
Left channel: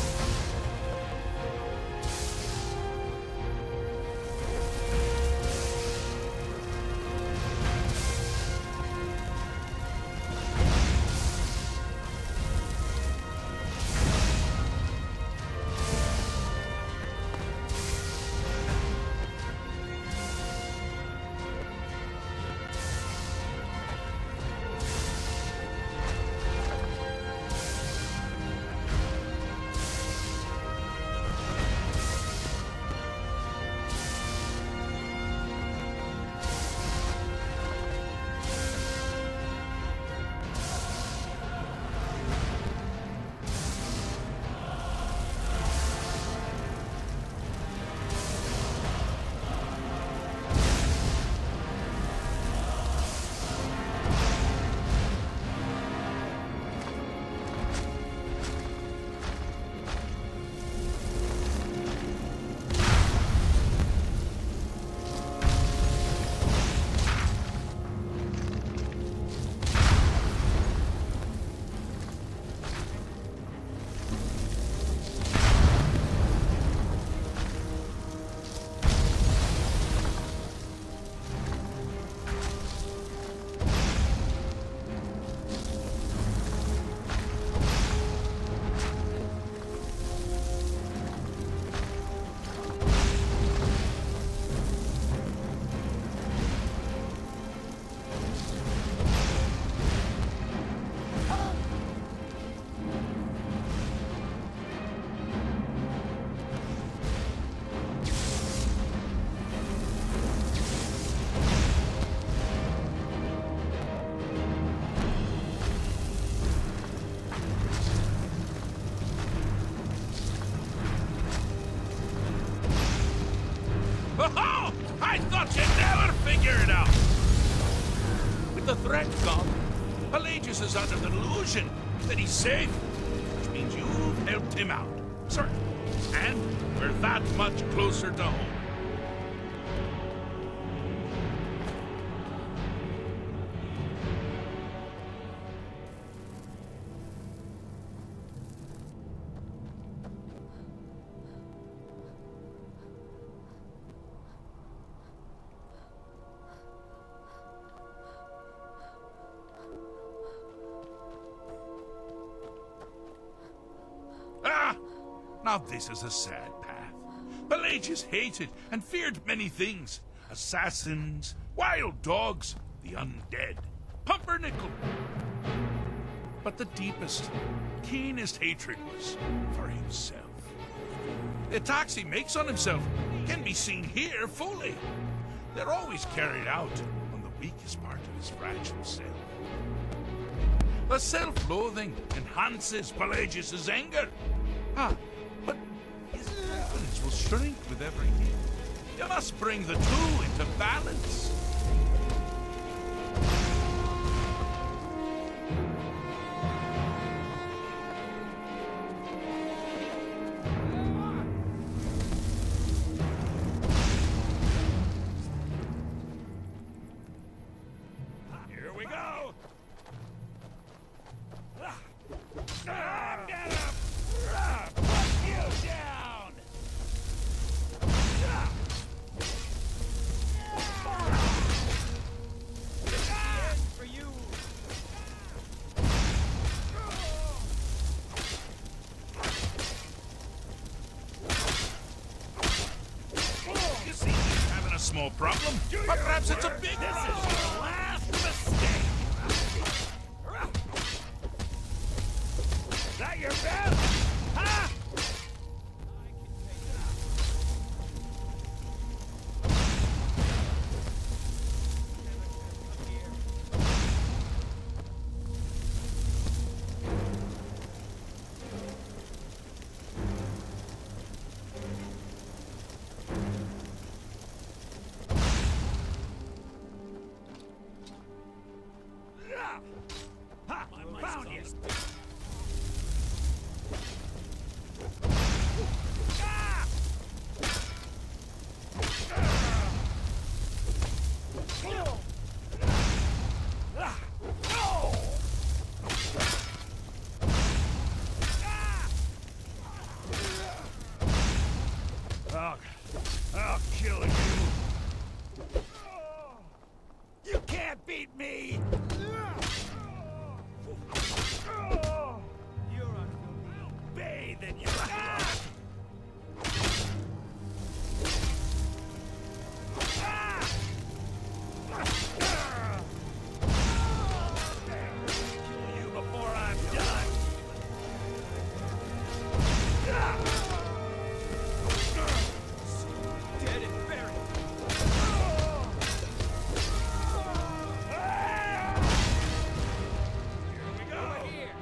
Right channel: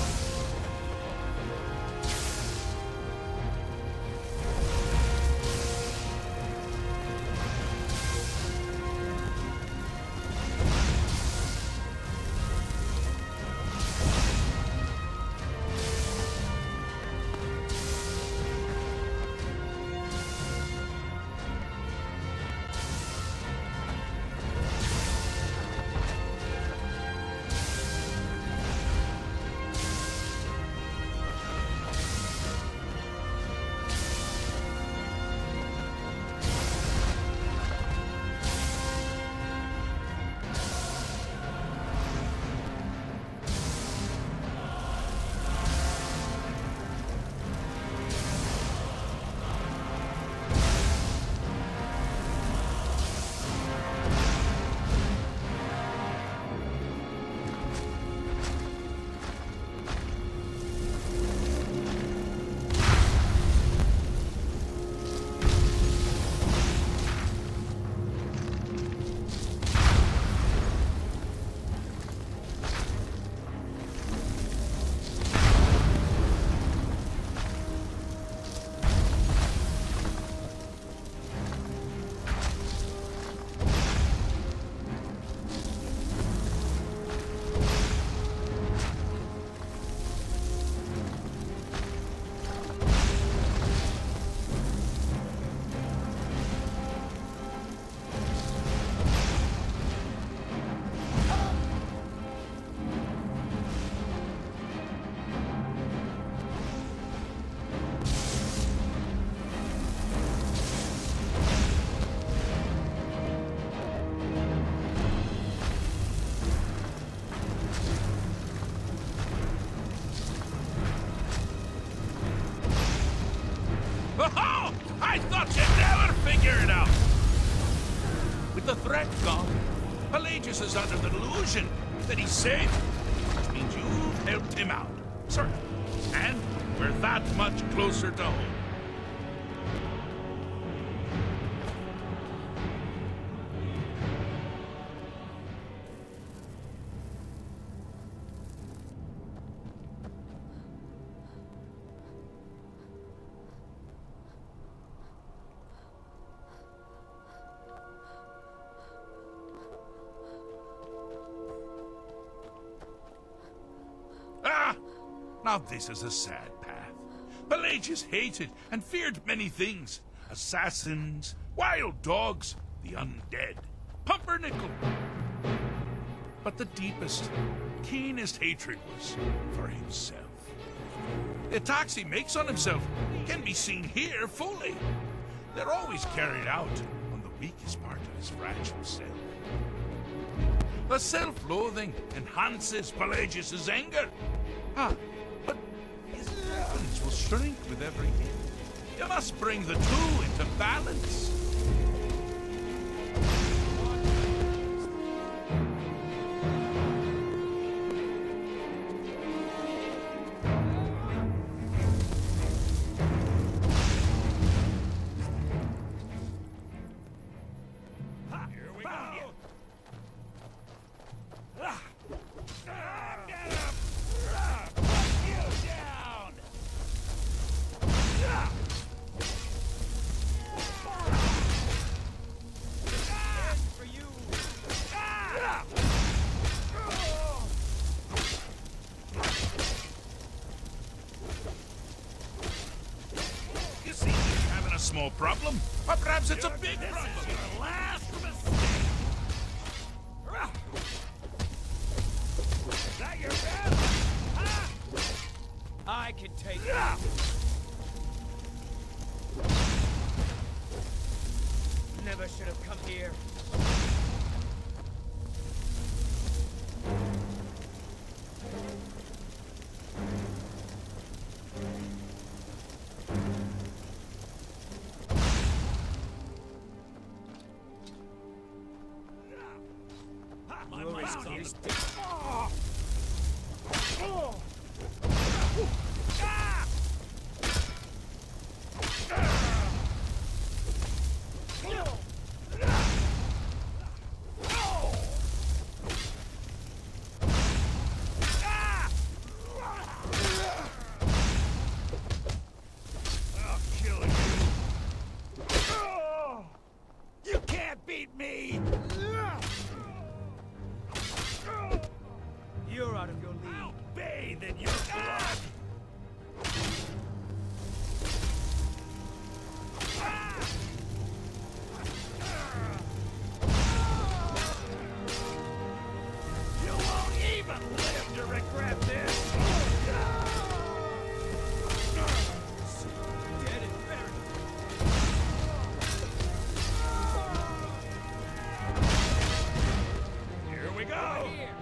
Oh, I thought you'd never figure it out! With the threat gone, Pelagius is under the delusion that he's safe, which means you've helped him out. Sir, and we're that much closer to home. Now this is a sad path. Pelagius hated and feared many things, assassins, wild dogs, the undead, pumpernickel. But the deepest, keenest hatred was for himself. The attacks he makes on himself can be seen here fully. They're always carried out on the weakest part of his fragile self. The self-loathing enhances Pelagius's anger. But his weapons will shrink with every hit. You must bring the two into balance. Here we go! Put you down! For you! You see, he's having a small problem, but perhaps it's a big This problem. is your last mistake! Is that your best? Huh? I can take it. Never should have come here. My mind's on this. I'll kill you. You can't beat me. You're out of your league. Bathe in your blood. You before I'm done. You won't even live to regret this. Dead and buried. Here we go. Over here.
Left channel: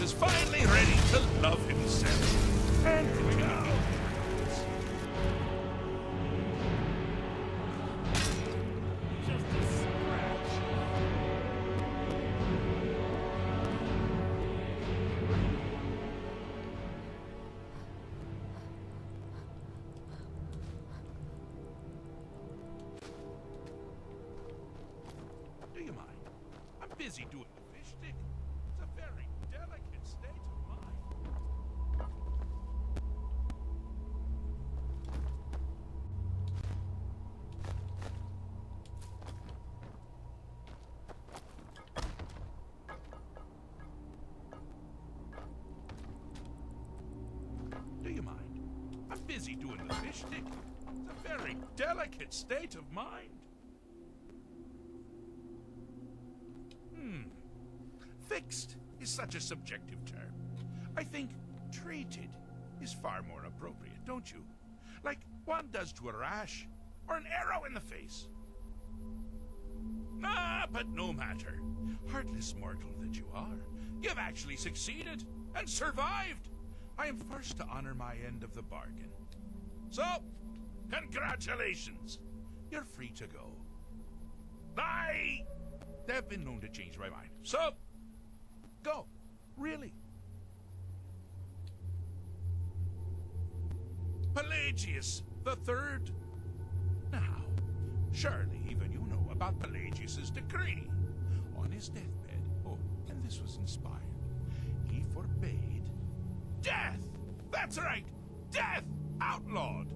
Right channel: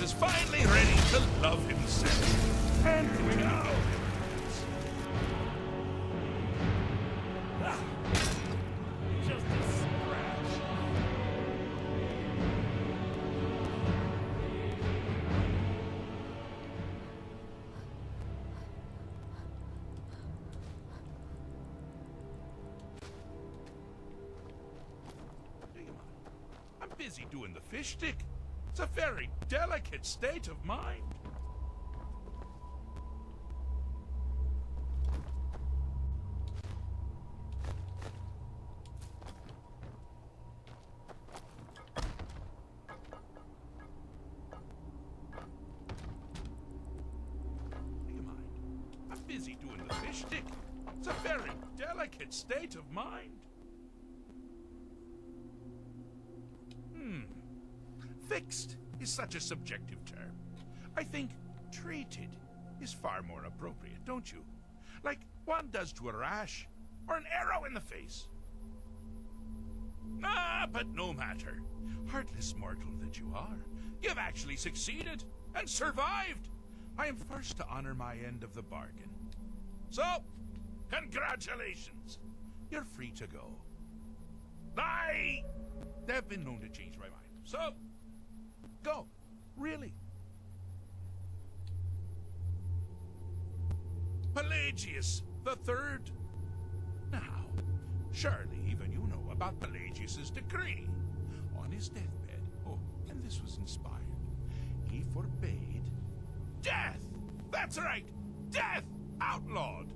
Pelagius is finally ready to love himself. And here we go. Just a scratch. Do you mind? I'm busy doing the fish stick. It's a very delicate state of mind. Do you mind? I'm busy doing the fish stick. It's a very delicate state of mind. Fixed is such a subjective term. I think treated is far more appropriate, don't you? Like one does to a rash or an arrow in the face. Ah, but no matter. Heartless mortal that you are, you've actually succeeded and survived. I am first to honor my end of the bargain. So, congratulations. You're free to go. They've been known to change my mind. So, go. Really. Pelagius the Third. Now, surely even you know about Pelagius's decree. On his deathbed, and this was inspired, he forbade death. That's right, death outlawed.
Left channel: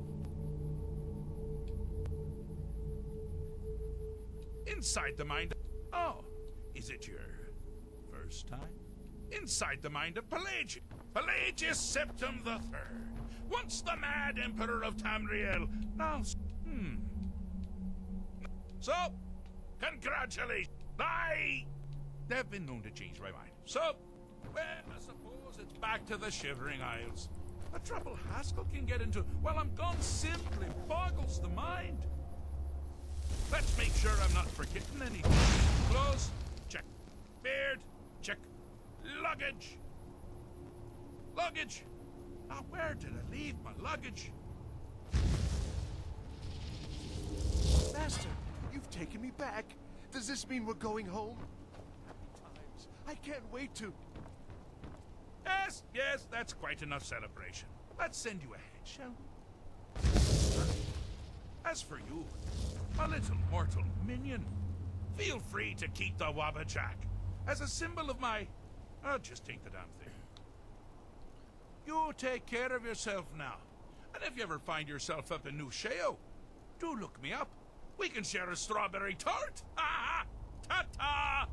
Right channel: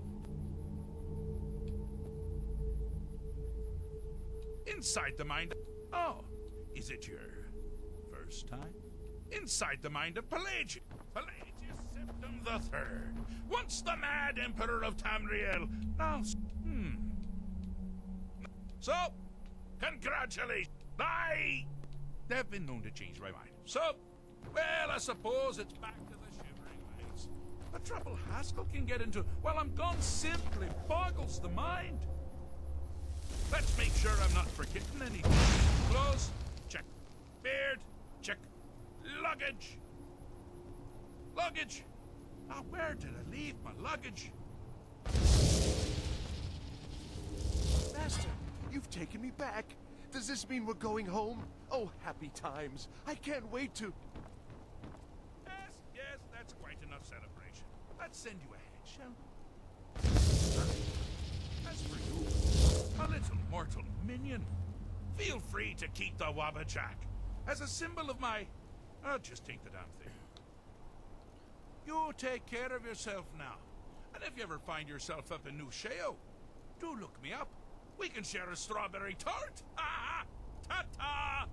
Inside the mind of... Oh, is it your first time? Inside the mind of Pelagius. Pelagius Septim the Third. Once the mad emperor of Tamriel. Now... So, congratulations. They've been known to change my mind. So, well, I suppose it's back to the Shivering Isles. The trouble Haskell can get into while I'm gone simply boggles the mind. Let's make sure I'm not forgetting anything. Clothes, check. Beard, check. Luggage. Luggage. Now, where did I leave my luggage? Master, you've taken me back. Does this mean we're going home? Oh, happy times. I can't wait to... Yes, that's quite enough celebration. Let's send you ahead, shall we? As for you, a little mortal minion, feel free to keep the Wabbajack as a symbol of my... just take the damn thing. You take care of yourself now. And if you ever find yourself up in New Sheo, do look me up. We can share a strawberry tart. Ah, ta-ta!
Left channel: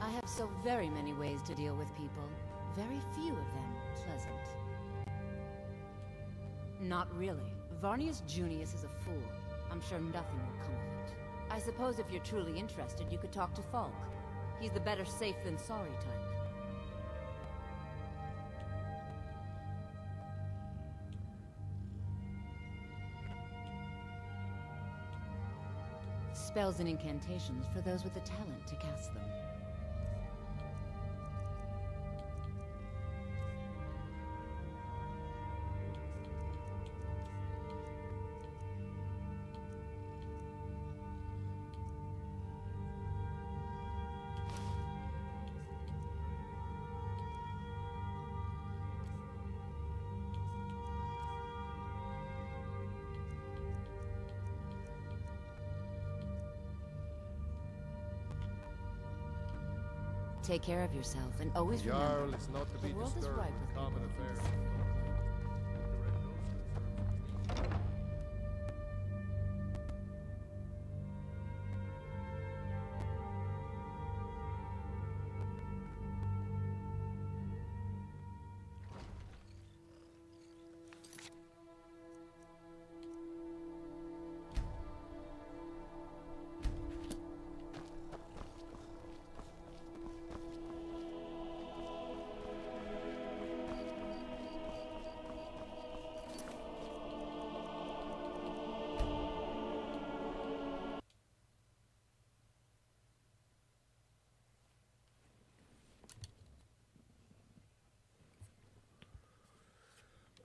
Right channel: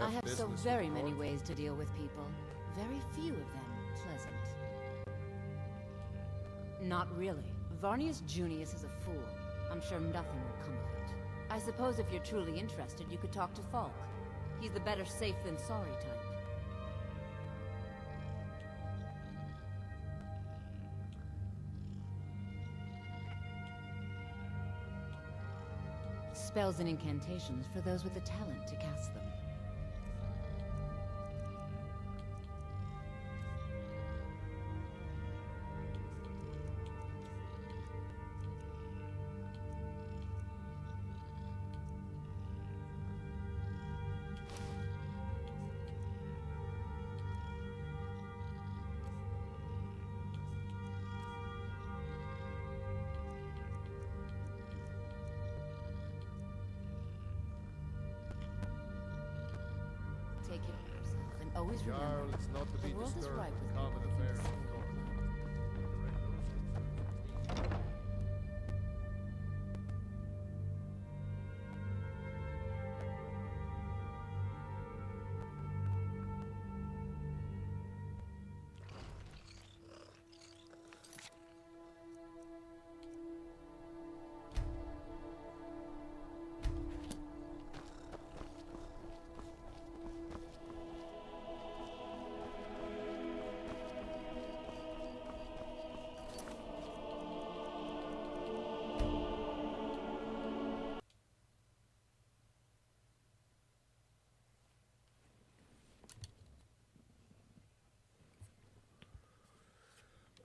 I have so very many ways to deal with people. Very few of them pleasant. Not really. Varnius Junius is a fool. I'm sure nothing will come of it. I suppose if you're truly interested, you could talk to Falk. He's the better safe than sorry type. Spells and incantations for those with the talent to cast them. Take care of yourself, and always remember, Jarl is not to be the world is disturbed ripe with with common people who affairs, can of course.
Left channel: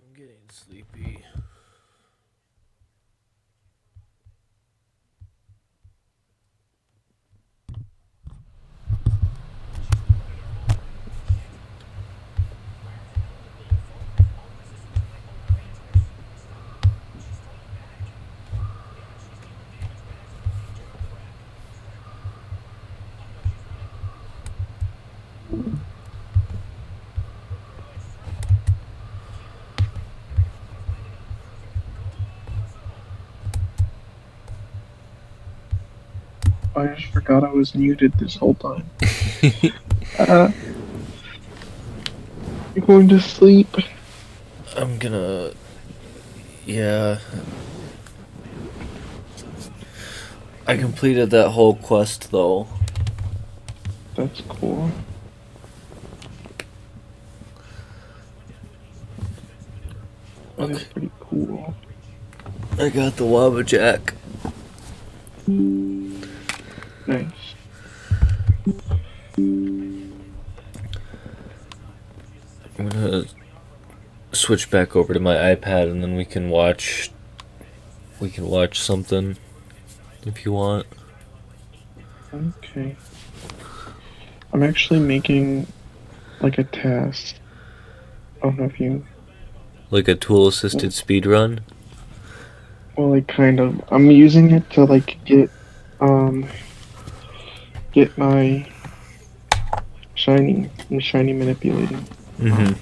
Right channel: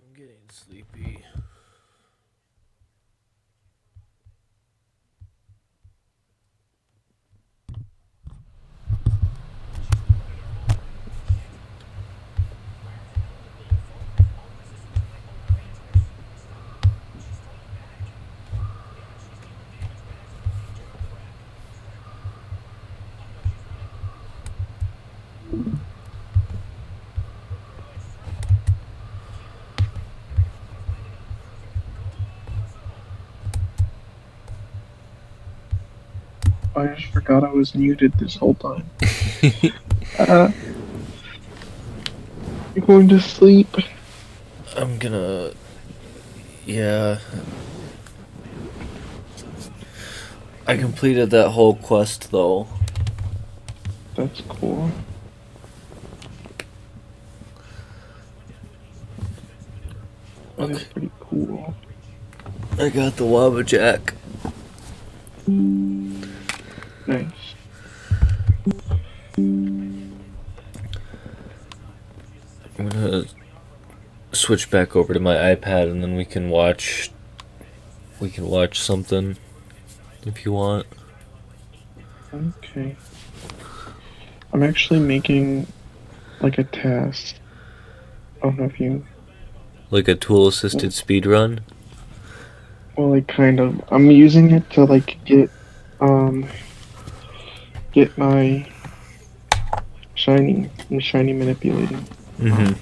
I'm getting sleepy. I just forgot I was muted this whole time. You're going to sleep? I'm gonna... Yeah. I completed that whole quest, though. That's cool. That is pretty cool. I got the Wabbajack. Nice. I'm gonna switch back over to my iPad and then we can watch something if you want. Okay. I'm actually making like a task. I don't know if you... Like a tool-assisted speedrun? Well, like kind of. I'm using it to like get my shiny manipulating. Mm-hmm.